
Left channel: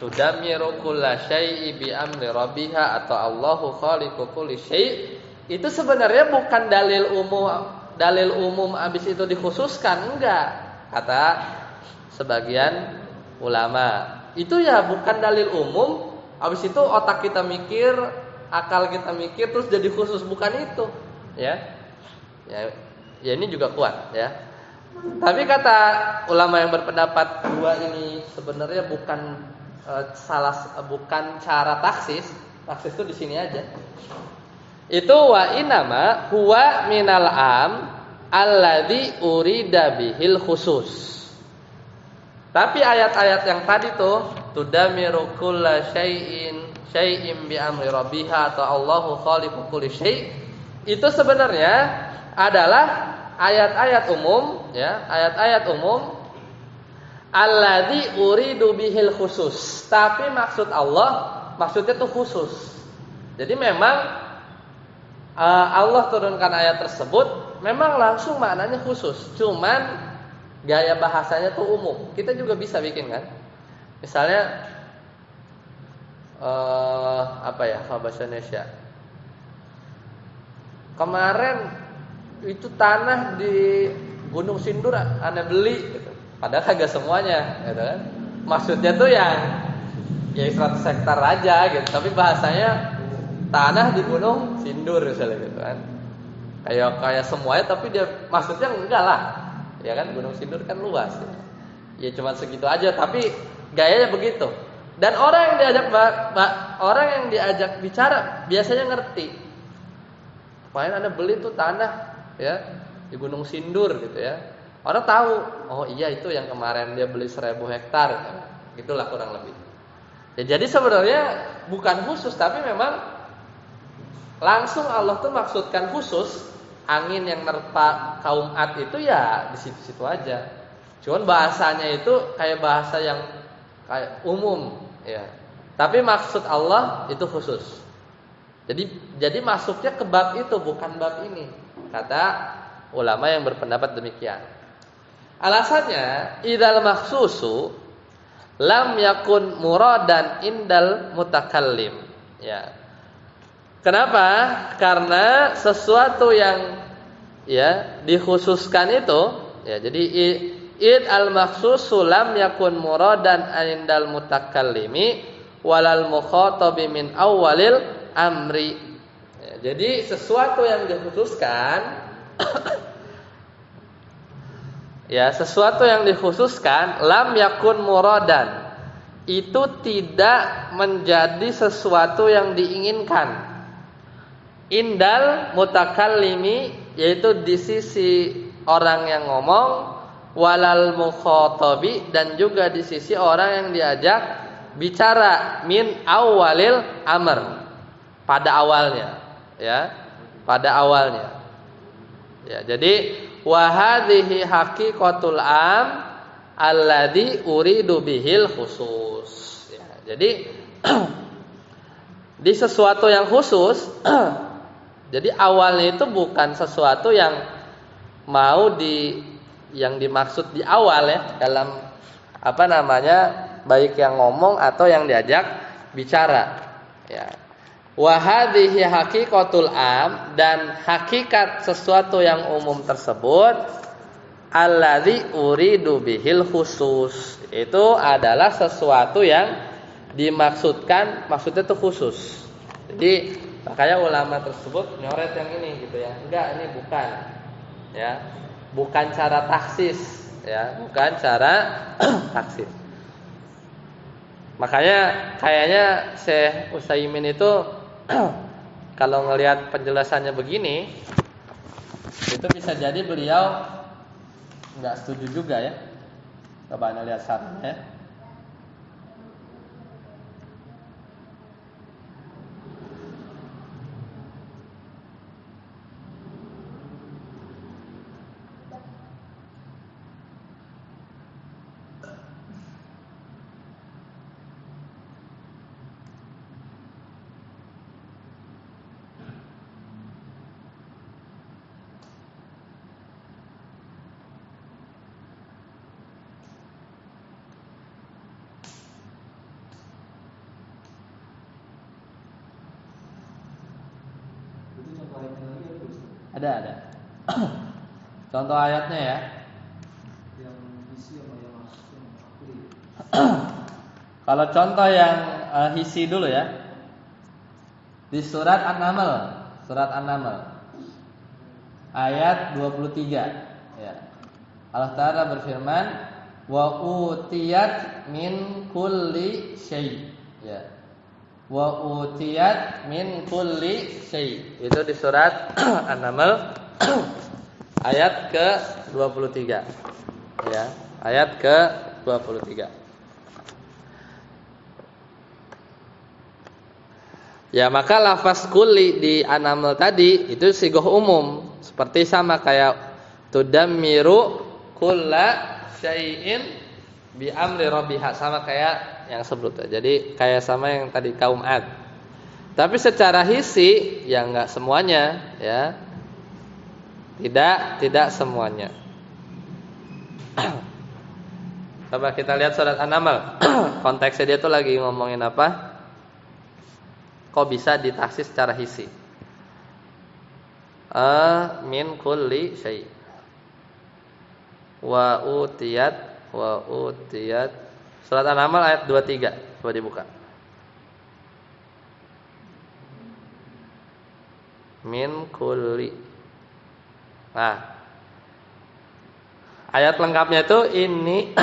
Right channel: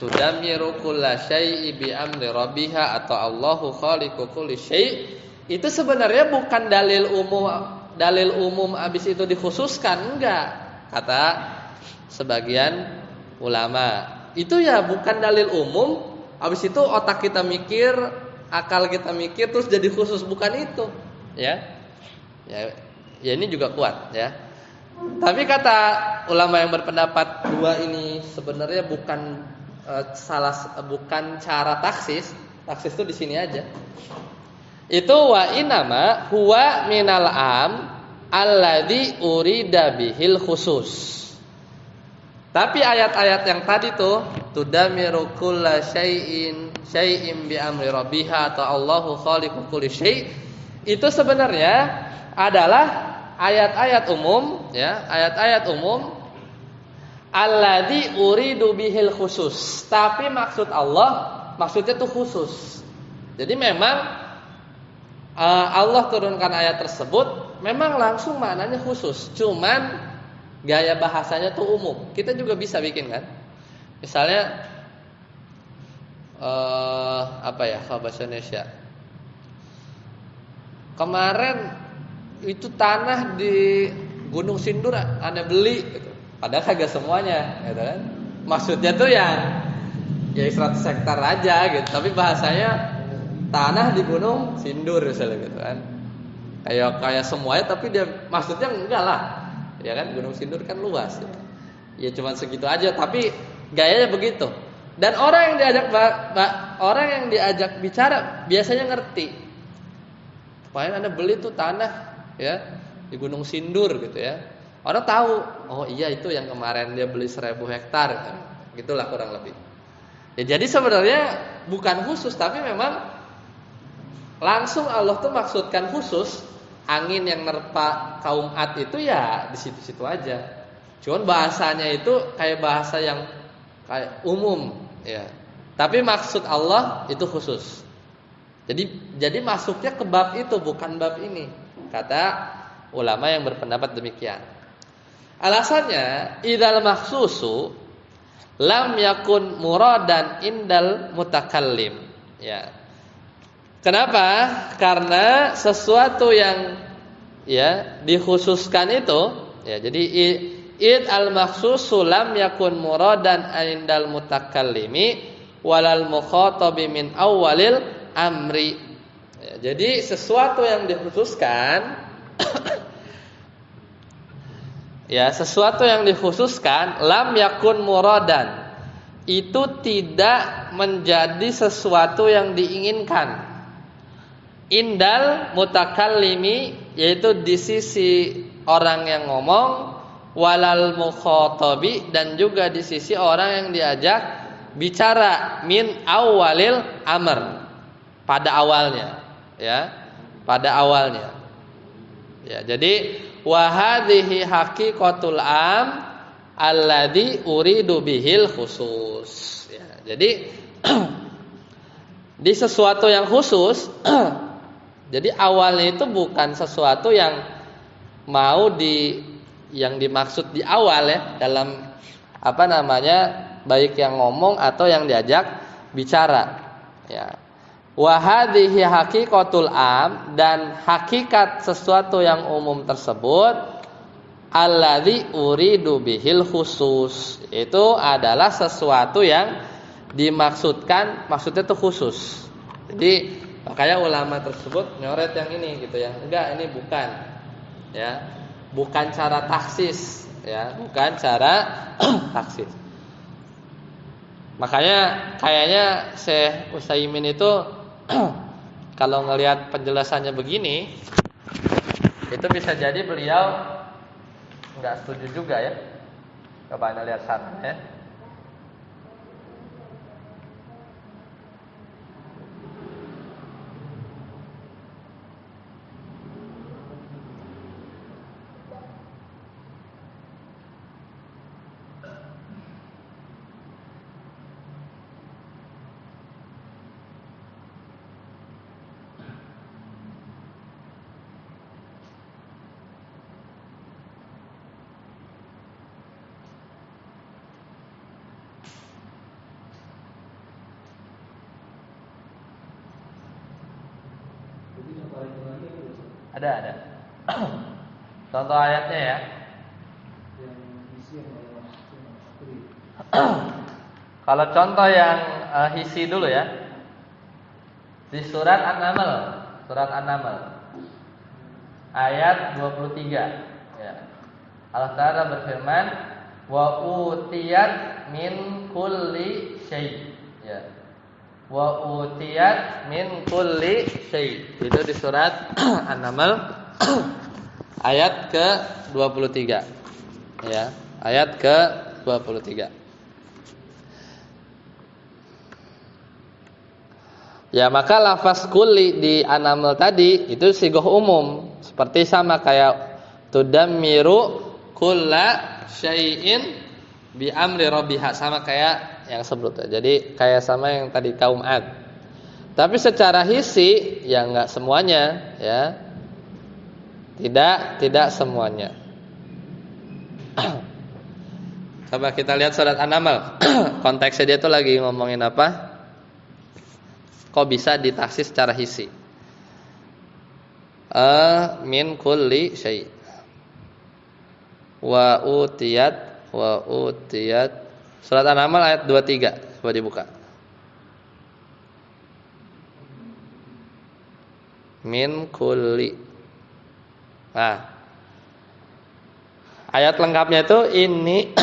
tudamiru kulla syai'i bi amri rabbiha atau Allahu khaliqu kulli syai'. Itu sebenarnya bukan dalil umum abis itu dikhususkan, enggak. Kata sebagian ulama. Itu ya bukan dalil umum. Habis itu otak kita mikir, akal kita mikir terus jadi khusus, bukan itu, ya. Ya ini juga kuat, ya. Tapi kata ulama yang berpendapat dua ini sebenarnya bukan bukan cara taksis. Taksis itu di sini aja. Itu wa inama huwa minal am alladzi urida bihil khusus. Tapi ayat-ayat yang tadi tuh tudamiru kulla syai'in bi amri rabbiha atau Allahu khaliqu kulli syai' itu sebenarnya adalah ayat-ayat umum ya, ayat-ayat umum alladzi uridu bihil khusus. Tapi maksud Allah maksudnya tuh khusus. Jadi memang Allah turunkan ayat tersebut memang langsung maknanya khusus. Cuman gaya bahasanya tuh umum. Kita juga bisa bikin kan. Misalnya apa ya kalau bahasa Indonesia? Kemarin itu tanah di Gunung Sindur Anda beli gitu. Padahal kagak semuanya, gitu kan. Maksudnya tuh ya 100 hektar aja gitu, tapi bahasanya tanah di Gunung Sindur misalnya gitu kan. Kayak semuanya tapi dia maksudnya enggak lah. Ya kan Gunung Sindur kan luas ya. Ya cuma segitu aja tapi gayanya begitu. Dan orang yang diajak bicara biasanya ngerti. Kemarin Anda beli tuh tanah ya di Gunung Sindur gitu ya. Orang tahu, oh iya itu yang kemarin dia beli 1000 hektar gitu. Gitulah kurang lebih. Ya jadi sebenarnya bukan khusus tapi memang langsung Allah tuh maksudkan khusus. Angin yang nerpa kaum Ad itu ya di situ-situ aja. Cuman bahasanya itu kayak bahasa yang kayak umum, ya. Tapi maksud Allah itu khusus. Jadi masuknya ke bab itu bukan bab ini. Kata ulama yang berpendapat demikian. Alasannya idzal makhsusu lam yakun muradan indal mutakallim. Ya. Kenapa? Karena sesuatu yang ya dikhususkan itu ya jadi id al makhsusu lam yakun muradan indal mutakallimi walal mukhatabi min awwalil amri. Ya, jadi sesuatu yang dikhususkan ya sesuatu yang dikhususkan lam yakun muradan itu tidak menjadi sesuatu yang diinginkan. Indal mutakallimi yaitu di sisi orang yang ngomong walal mukhatabi dan juga di sisi orang yang diajak bicara min awalil amr pada awalnya ya pada awalnya ya jadi wa hadhihi haqiqatul am alladzi uridu bihil khusus ya, jadi di sesuatu yang khusus jadi awalnya itu bukan sesuatu yang yang dimaksud di awal ya dalam apa namanya baik yang ngomong atau yang diajak bicara ya. Wa hadhihi haqiqatul am dan hakikat sesuatu yang umum tersebut alladzi uridu bihil khusus itu adalah sesuatu yang dimaksudkan maksudnya itu khusus. Jadi makanya ulama tersebut nyoret yang ini gitu ya. Enggak, ini bukan. Ya. Bukan cara taksis, ya, bukan cara taksis. Makanya kayaknya Syekh Utsaimin itu kalau ngelihat penjelasannya begini, itu bisa jadi beliau enggak setuju juga ya. Coba Anda lihat sarannya ya. Ada. Contoh ayatnya ya. Kalau contoh yang hisi dulu ya. Di surat An-Naml ayat 23 ya. Allah Ta'ala berfirman, wa utiyat min kulli syai' ya. Wa utiyat min kulli syai'. Itu di surat An-Naml ayat ke-23 ya. Ayat ke-23. Ya, maka lafaz kulli di An-Naml tadi itu sigoh umum, seperti sama kayak tudammiru kulla syai'in bi amri rabbiha, sama kayak yang sebelumnya. Jadi kayak sama yang tadi kaum Ad. Tapi secara hisi ya enggak semuanya ya. Tidak semuanya. Coba kita lihat surat An-Naml. Konteksnya dia tuh lagi ngomongin apa? Kok bisa ditaksis secara hisi? Min kulli syai'. Wa utiyat surat An-Naml ayat 23. Coba dibuka. Min kulli. Nah, ayat lengkapnya itu ini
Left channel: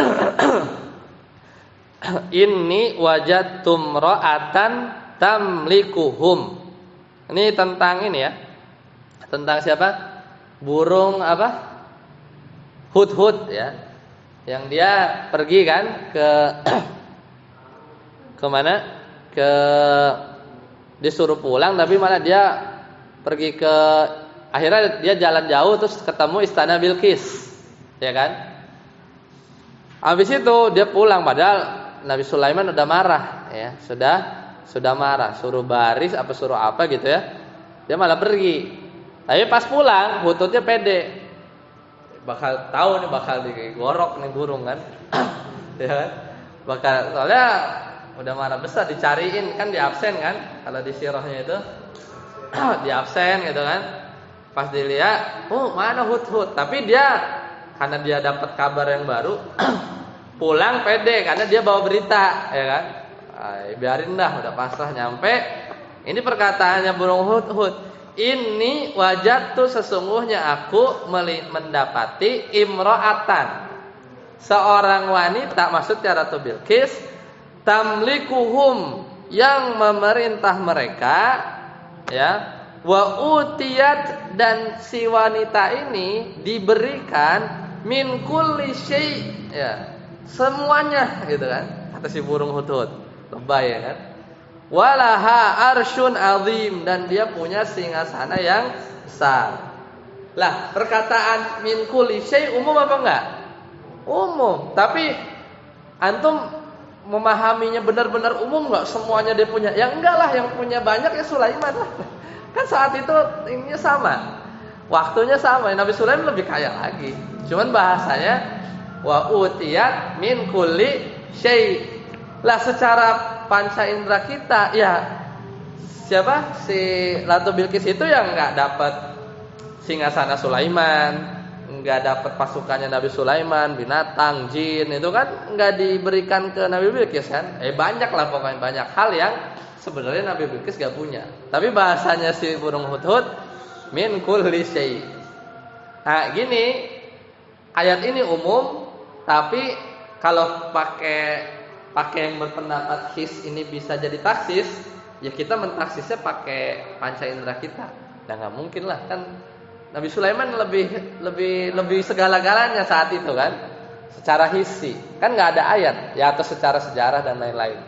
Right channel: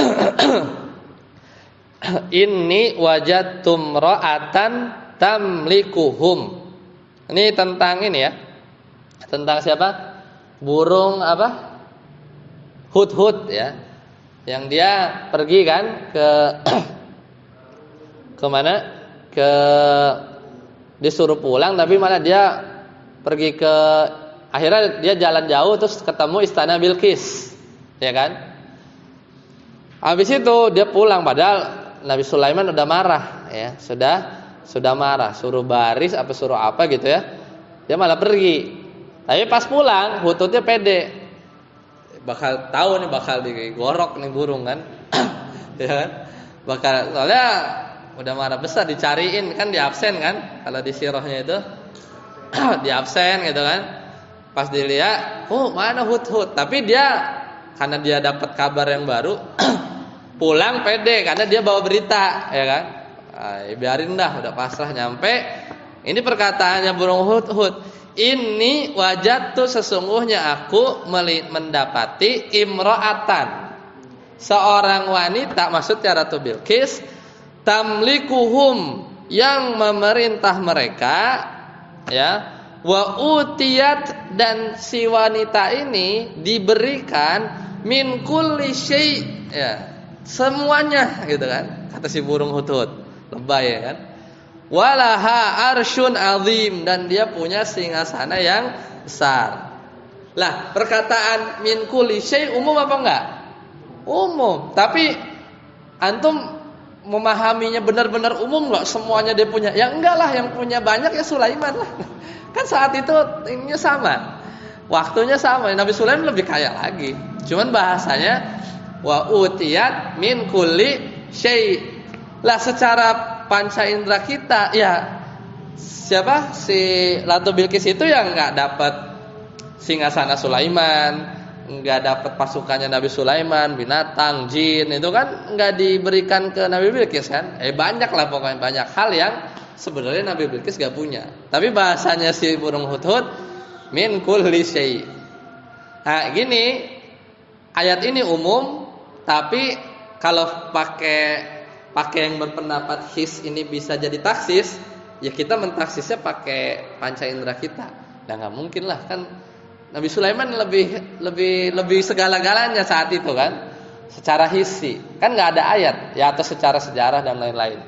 inni wajadtum ra'atan tamlikuhum. Ini tentang ini ya. Tentang siapa? Burung apa? Hudhud ya. Yang dia pergi kan ke mana? Disuruh pulang tapi malah dia pergi ke, akhirnya dia jalan jauh terus ketemu istana Bilqis. Ya kan? Habis itu dia pulang padahal Nabi Sulaiman udah marah ya, sudah marah, suruh baris apa suruh apa gitu ya. Dia malah pergi. Tapi pas pulang, Hudhudnya pede. Bakal tahu nih, bakal digorok nih burung kan. Ya kan? Bakal, soalnya udah marah besar, dicariin kan, di absen kan. Kalau di sirahnya itu di absen gitu kan. Pas dilihat, oh mana Hudhud. Tapi dia karena dia dapat kabar yang baru, pulang pede karena dia bawa berita, ya kan. Biarin dah, udah pasrah nyampe. Ini perkataannya burung Hudhud. Ini wajadtu, sesungguhnya aku mendapati imra'atan, seorang wanita, maksudnya Ratu Bilqis, tamlikuhum, yang memerintah mereka ya, wa utiyat, dan si wanita ini diberikan min kulli syai' ya, semuanya gitu kan, kata si burung Hudhud. Lebay ya kan. Walaha arsyun azim, dan dia punya singgasana yang besar. Lah, perkataan min kulli syai' umum apa enggak? Umum. Tapi antum memahaminya benar-benar umum enggak? Semuanya dia punya. Ya enggak lah, yang punya banyak ya Sulaiman lah. Kan saat itu ininya sama. Waktunya sama. Nabi Sulaiman lebih kaya lagi. Cuman bahasanya wa utiyat min kulli syai'. Lah, secara panca indera kita ya, siapa si Ratu Bilqis itu yang nggak dapat singgasana Sulaiman, nggak dapat pasukannya Nabi Sulaiman, binatang, jin, itu kan nggak diberikan ke Nabi Bilqis kan? Banyak lah pokoknya, banyak hal yang sebenarnya Nabi Bilqis nggak punya. Tapi bahasanya si burung Hudhud min kulli syai'. Nah gini, ayat ini umum, tapi kalau pakai yang berpendapat his ini bisa jadi taksis, ya kita mentaksisnya pakai panca indera kita. Ya nggak mungkin lah, kan Nabi Sulaiman lebih segala-galanya saat itu kan, secara hisi kan nggak ada ayat ya, atau secara sejarah dan lain-lain,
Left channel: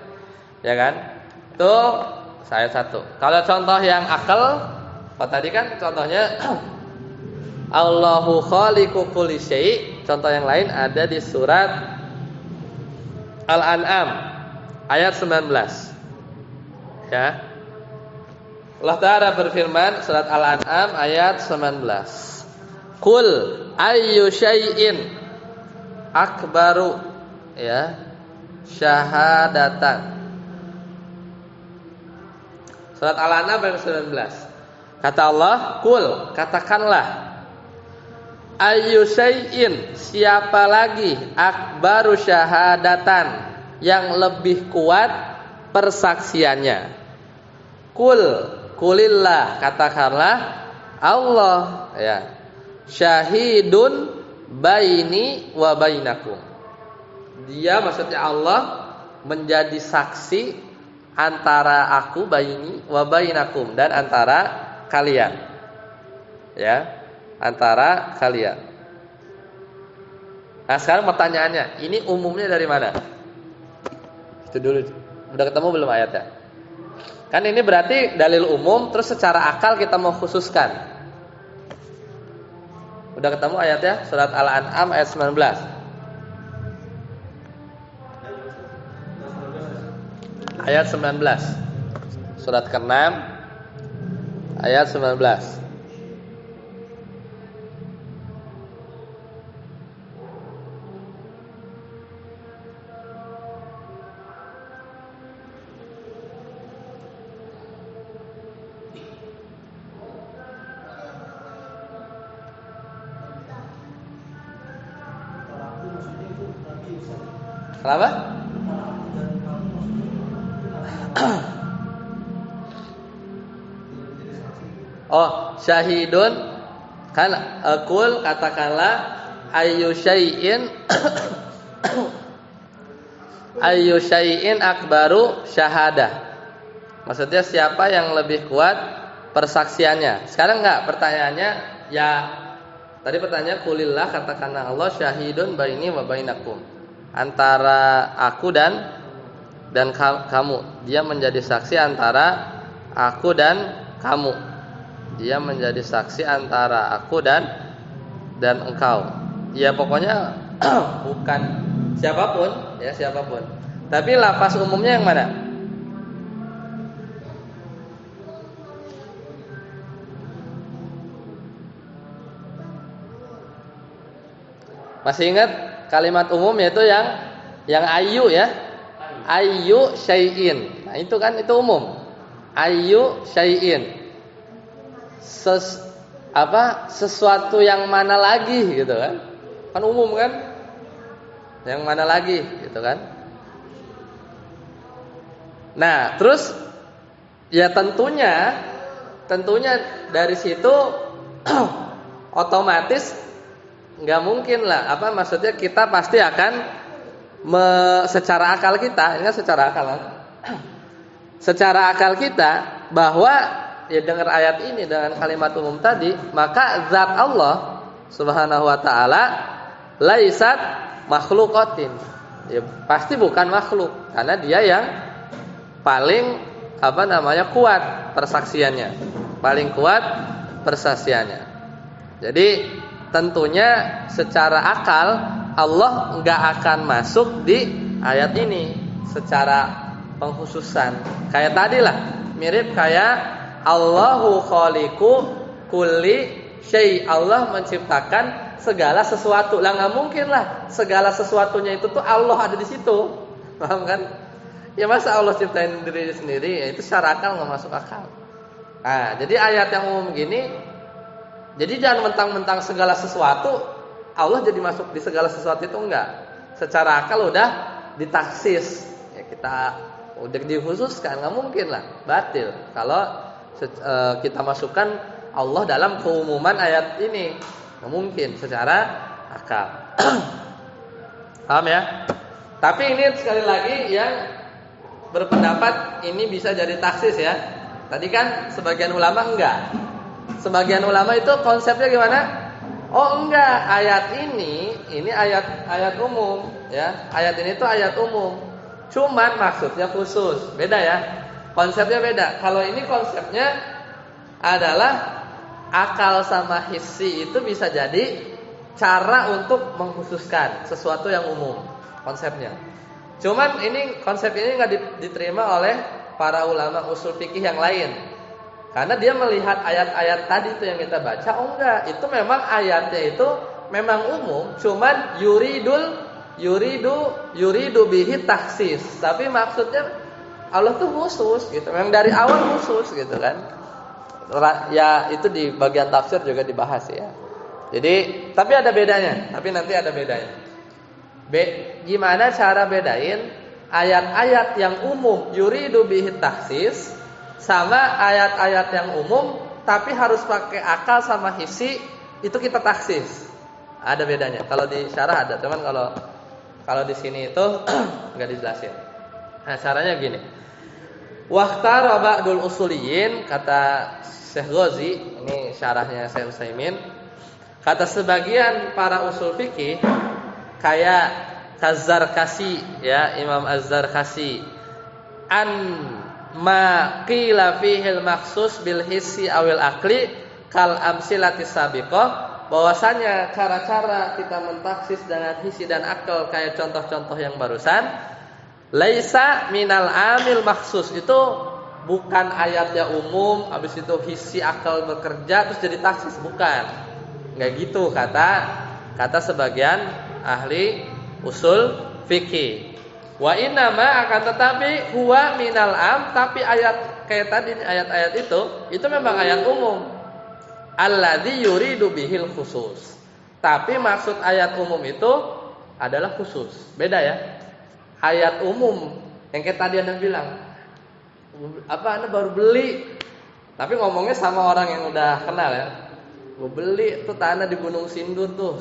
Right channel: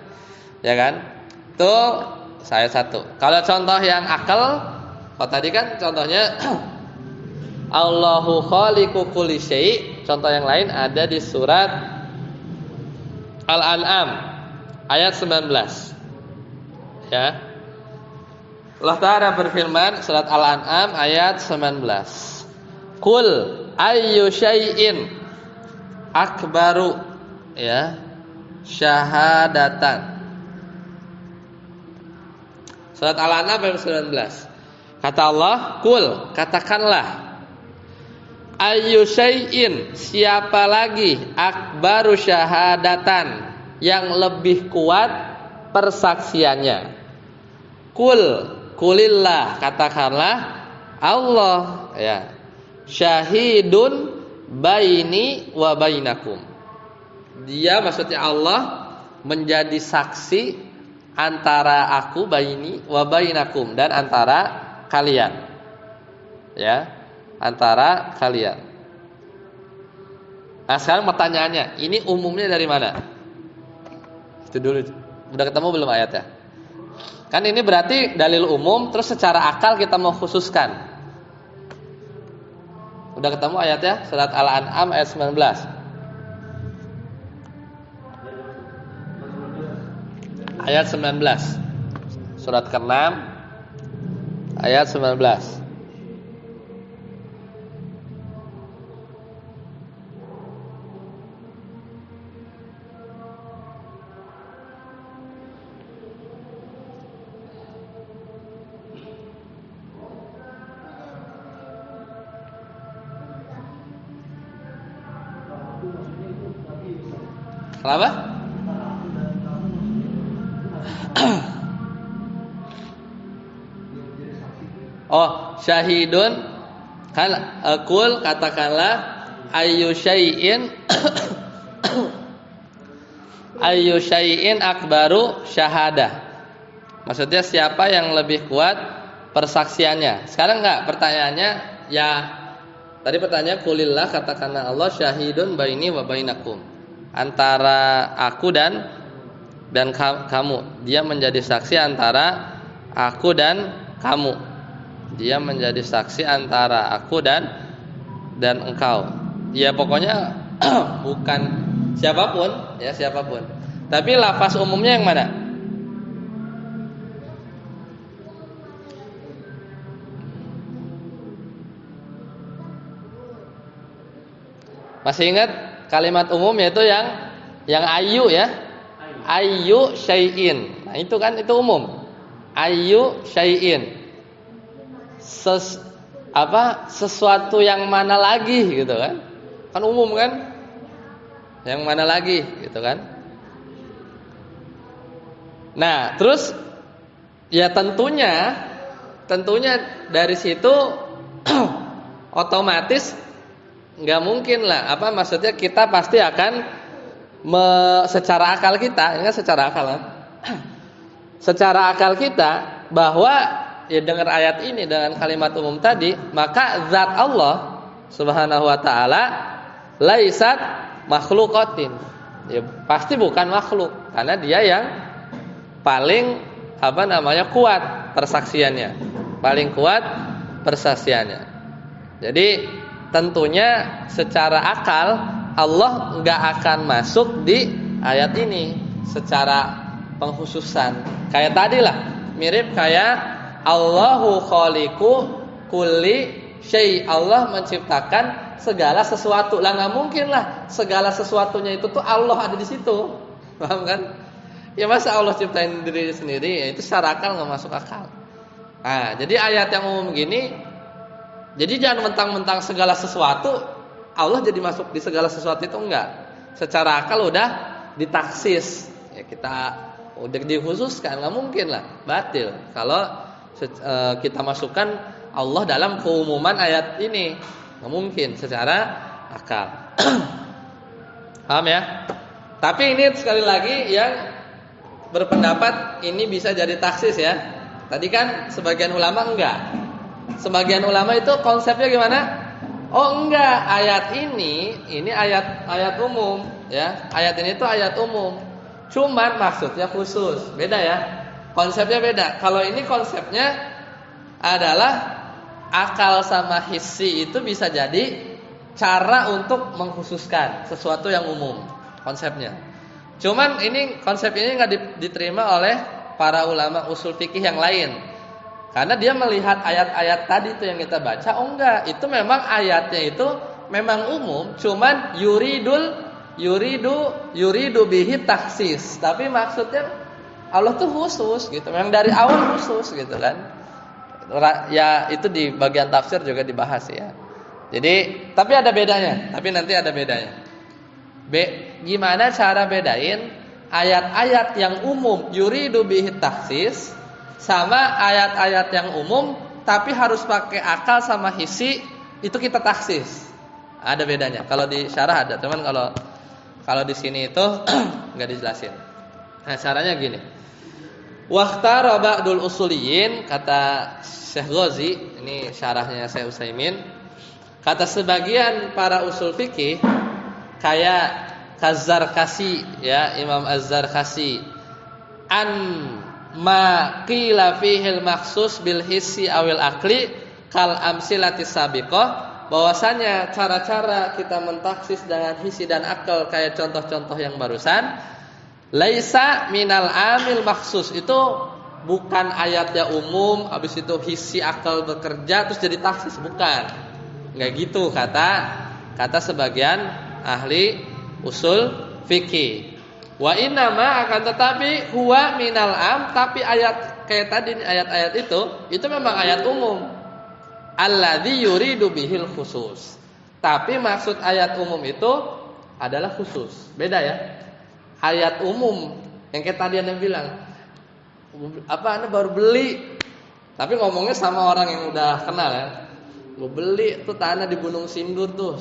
ya kan. Itu saya satu. Kalau contoh yang akal, kalau tadi kan contohnya Allahu khaliqu kulli syai'. Contoh yang lain ada di surat Al-An'am ayat 19. Ya. Allah Ta'ala berfirman surat Al-An'am ayat 19. Qul ayyu syai'in akbaru ya syahadatan. Surat Al-An'am ayat 19. Kata Allah, kul, katakanlah, ayyu syai'in, siapa lagi akbaru syahadatan, yang lebih kuat persaksiannya. Kulillah, katakanlah Allah, ya, syahidun baini wa bainakum. Dia, maksudnya Allah, menjadi saksi antara aku, baini wa bainakum, dan antara kalian, ya, antara kalian. Nah sekarang pertanyaannya, ini umumnya dari mana? Itu dulu. Udah ketemu belum ayatnya? Kan ini berarti dalil umum, terus secara akal kita mau khususkan. Udah ketemu ayatnya? Surat Al-An'am ayat 19. Ayat 19. Surat ke-6 ayat 19. Kenapa? Oh, syahidun, kan aqul, katakanlah, ayyu syai'in ayyu syai'in akbaru syahadah. Maksudnya siapa yang lebih kuat persaksiannya. Sekarang enggak, pertanyaannya ya, tadi pertanyaan kulillah, katakanlah Allah, syahidun baini wa bainakum, antara aku dan kamu. Dia menjadi saksi antara aku dan kamu. Dia menjadi saksi antara aku dan engkau. Ya pokoknya bukan siapapun, ya siapapun. Tapi lafaz umumnya yang mana? Masih ingat kalimat umum yaitu yang ayyu, ya? Ayyu syai'in. Nah, itu kan itu umum. Ayyu syai'in. Sesuatu yang mana lagi gitu kan? Kan umum kan? Yang mana lagi gitu kan? Nah, terus ya tentunya dari situ otomatis nggak mungkin lah, maksudnya kita pasti akan secara akal kita, ini kan secara akal kan? Secara akal kita bahwa ya dengar ayat ini dengan kalimat umum tadi, maka zat Allah Subhanahu wa taala laisat makhluqatin. Ya pasti bukan makhluk, karena dia yang paling kuat persaksiannya. Paling kuat persaksiannya. Jadi tentunya secara akal Allah enggak akan masuk di ayat ini secara pengkhususan. Kayak tadi lah, mirip kayak Allahu khaliqu kulli syai'. Allah menciptakan segala sesuatu. Lah enggak mungkin lah segala sesuatunya itu tuh Allah ada di situ. Paham kan? Ya masa Allah ciptain diri sendiri, ya itu secara akal enggak masuk akal. Nah, jadi ayat yang umum gini, jadi jangan mentang-mentang segala sesuatu Allah jadi masuk di segala sesuatu itu enggak. Secara akal udah ditaksis. Ya kita udah dikhususkan, enggak mungkin lah, batil kalau kita masukkan Allah dalam keumuman ayat ini. Nggak mungkin secara akal. Paham ya? Tapi ini sekali lagi yang berpendapat ini bisa jadi taksis ya. Tadi kan sebagian ulama enggak. Sebagian ulama itu konsepnya gimana? Oh enggak, ayat ini ayat umum ya. Ayat ini tuh ayat umum. Cuman maksudnya khusus. Beda ya. Konsepnya beda. Kalau ini konsepnya adalah akal sama hissi itu bisa jadi cara untuk mengkhususkan sesuatu yang umum konsepnya. Cuman ini konsep ini nggak diterima oleh para ulama usul fikih yang lain. Karena dia melihat ayat-ayat tadi itu yang kita baca, oh enggak, itu memang ayatnya itu memang umum, cuman yuridu bihi taksis. Tapi maksudnya Allah tuh khusus gitu. Memang dari awal khusus gitu kan. Ya itu di bagian tafsir juga dibahas ya. Jadi tapi ada bedanya, tapi nanti ada bedanya. Gimana cara bedain ayat-ayat yang umum yuridu bihi taksis sama ayat-ayat yang umum tapi harus pakai akal sama hisi, itu kita taksis. Ada bedanya. Kalau di syarah ada, cuman kalau di sini itu nggak dijelasin. Nah, caranya gini. Wakhtara ba'dul usuliyin, kata Syekh Ghazi, ini syarahnya Syekh Utsaimin. Kata sebagian para usul fikih kayak Az-Zarkasi ya, Imam Az-Zarkasi, an ma qila fihil makhsus bil hissi awil aqli kal amsilati sabiqah, bahwasanya cara-cara kita mentaksis dengan hisi dan akal kayak contoh-contoh yang barusan, laisa minal amil makhsus, itu bukan ayatnya umum habis itu hisi akal bekerja terus jadi taksis, bukan. Enggak gitu kata sebagian ahli usul fikih. Wa innama, akan tetapi huwa minal am, tapi ayat kayak tadi ayat-ayat itu memang ayat umum. Alladzi yuridu bihil khusus. Tapi maksud ayat umum itu adalah khusus. Beda ya. Ayat umum yang kayak tadi Anda bilang, Anda baru beli, tapi ngomongnya sama orang yang udah kenal ya. Gue beli tuh tanah di Gunung Sindur tuh,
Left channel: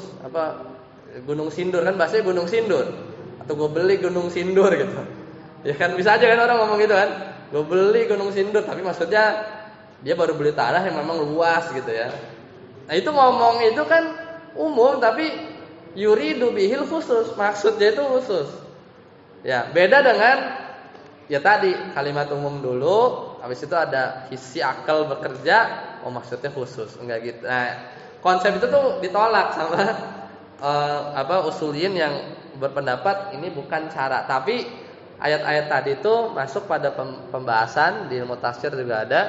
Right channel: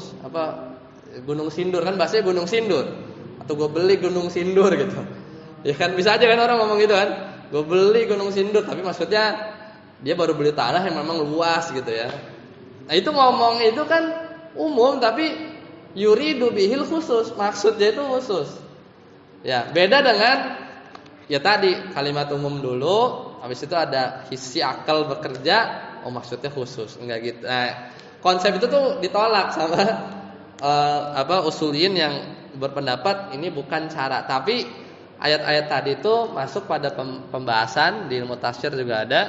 Gunung Sindur kan bahasanya Gunung Sindur, atau gue beli Gunung Sindur gitu. Ya kan bisa aja kan orang ngomong gitu kan. Gue beli Gunung Sindur, tapi maksudnya dia baru beli tanah yang memang luas gitu ya. Nah itu ngomong itu kan umum, tapi yuridu bihil khusus, maksudnya itu khusus. Ya beda dengan ya tadi kalimat umum dulu, habis itu ada hisi akal bekerja, oh maksudnya khusus, enggak gitu. Nah, konsep itu tuh ditolak sama usuliyin yang berpendapat ini bukan cara, tapi ayat-ayat tadi itu masuk pada pembahasan di ilmu tafsir juga ada,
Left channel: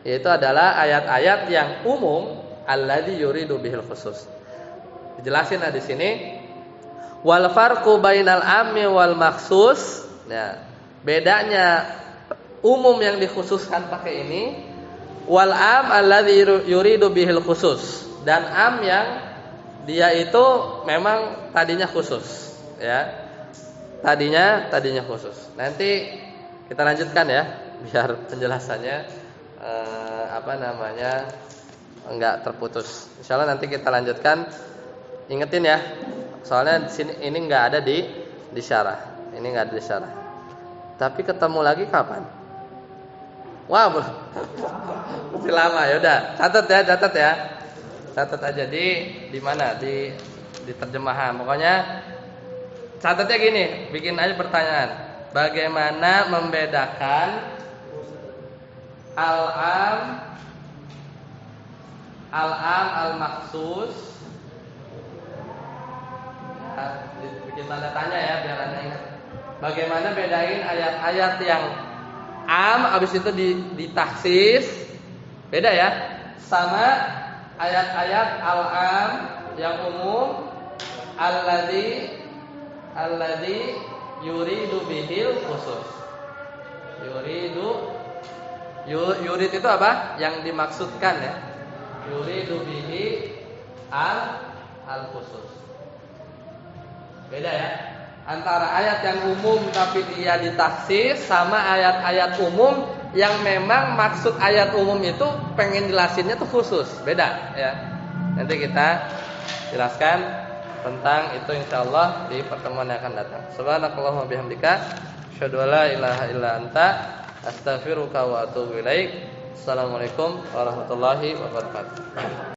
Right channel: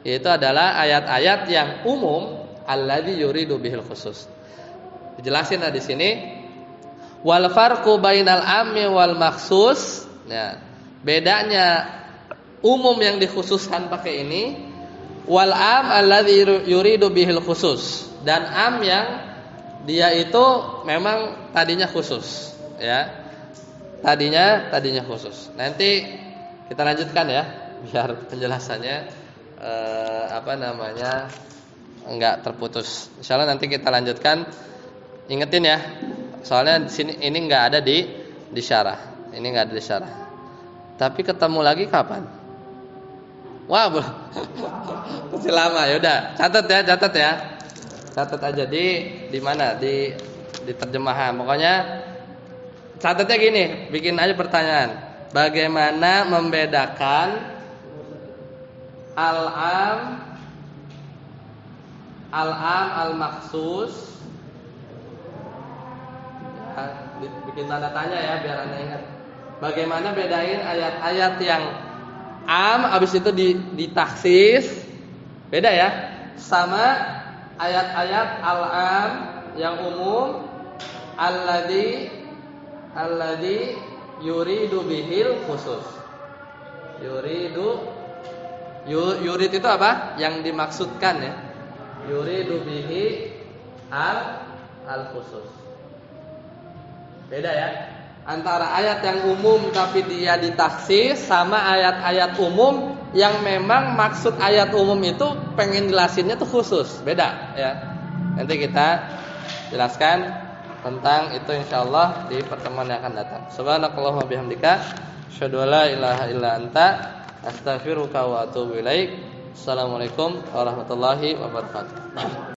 yaitu adalah ayat-ayat yang umum alladzi yuridu bihil khusus. Dijelasin di sini wal farqu bainal ammi wal makhsus. Nah, bedanya umum yang dikhususkan pakai ini, wal am alladzi yuridu bihil khusus, dan am yang dia itu memang tadinya khusus ya. Tadinya khusus. Nanti kita lanjutkan ya biar penjelasannya enggak terputus. Insyaallah nanti kita lanjutkan. Ingetin ya. Soalnya di sini ini enggak ada di syarah. Ini enggak ada di syarah. Tapi ketemu lagi kapan? Wah, masih lama ya udah. Catat ya. Catat aja di mana? Di terjemahan. Pokoknya catatnya gini, bikin aja pertanyaan. Bagaimana membedakan al-am al-maksus? Ya, bikin tanda tanya ya biar Anda ingat. Bagaimana bedain ayat-ayat yang am habis itu ditaksis, beda ya, sama ayat-ayat al-am yang umum alladzi yuridu bihil khusus. Yurid itu apa? Yang dimaksudkan ya. Yuridu bihi al khusus. Beda ya. Antara ayat yang umum tapi dia ditaksis sama ayat-ayat umum yang memang maksud ayat umum itu pengen jelasinnya tuh khusus. Beda ya. Nanti kita jelaskan tentang itu insyaallah di pertemuan yang akan datang. Subhanakallahumma bihamdika asyhadu an la ilaha illa anta astaghfiruka wa atubu ilaik. Assalamualaikum warahmatullahi wabarakatuh.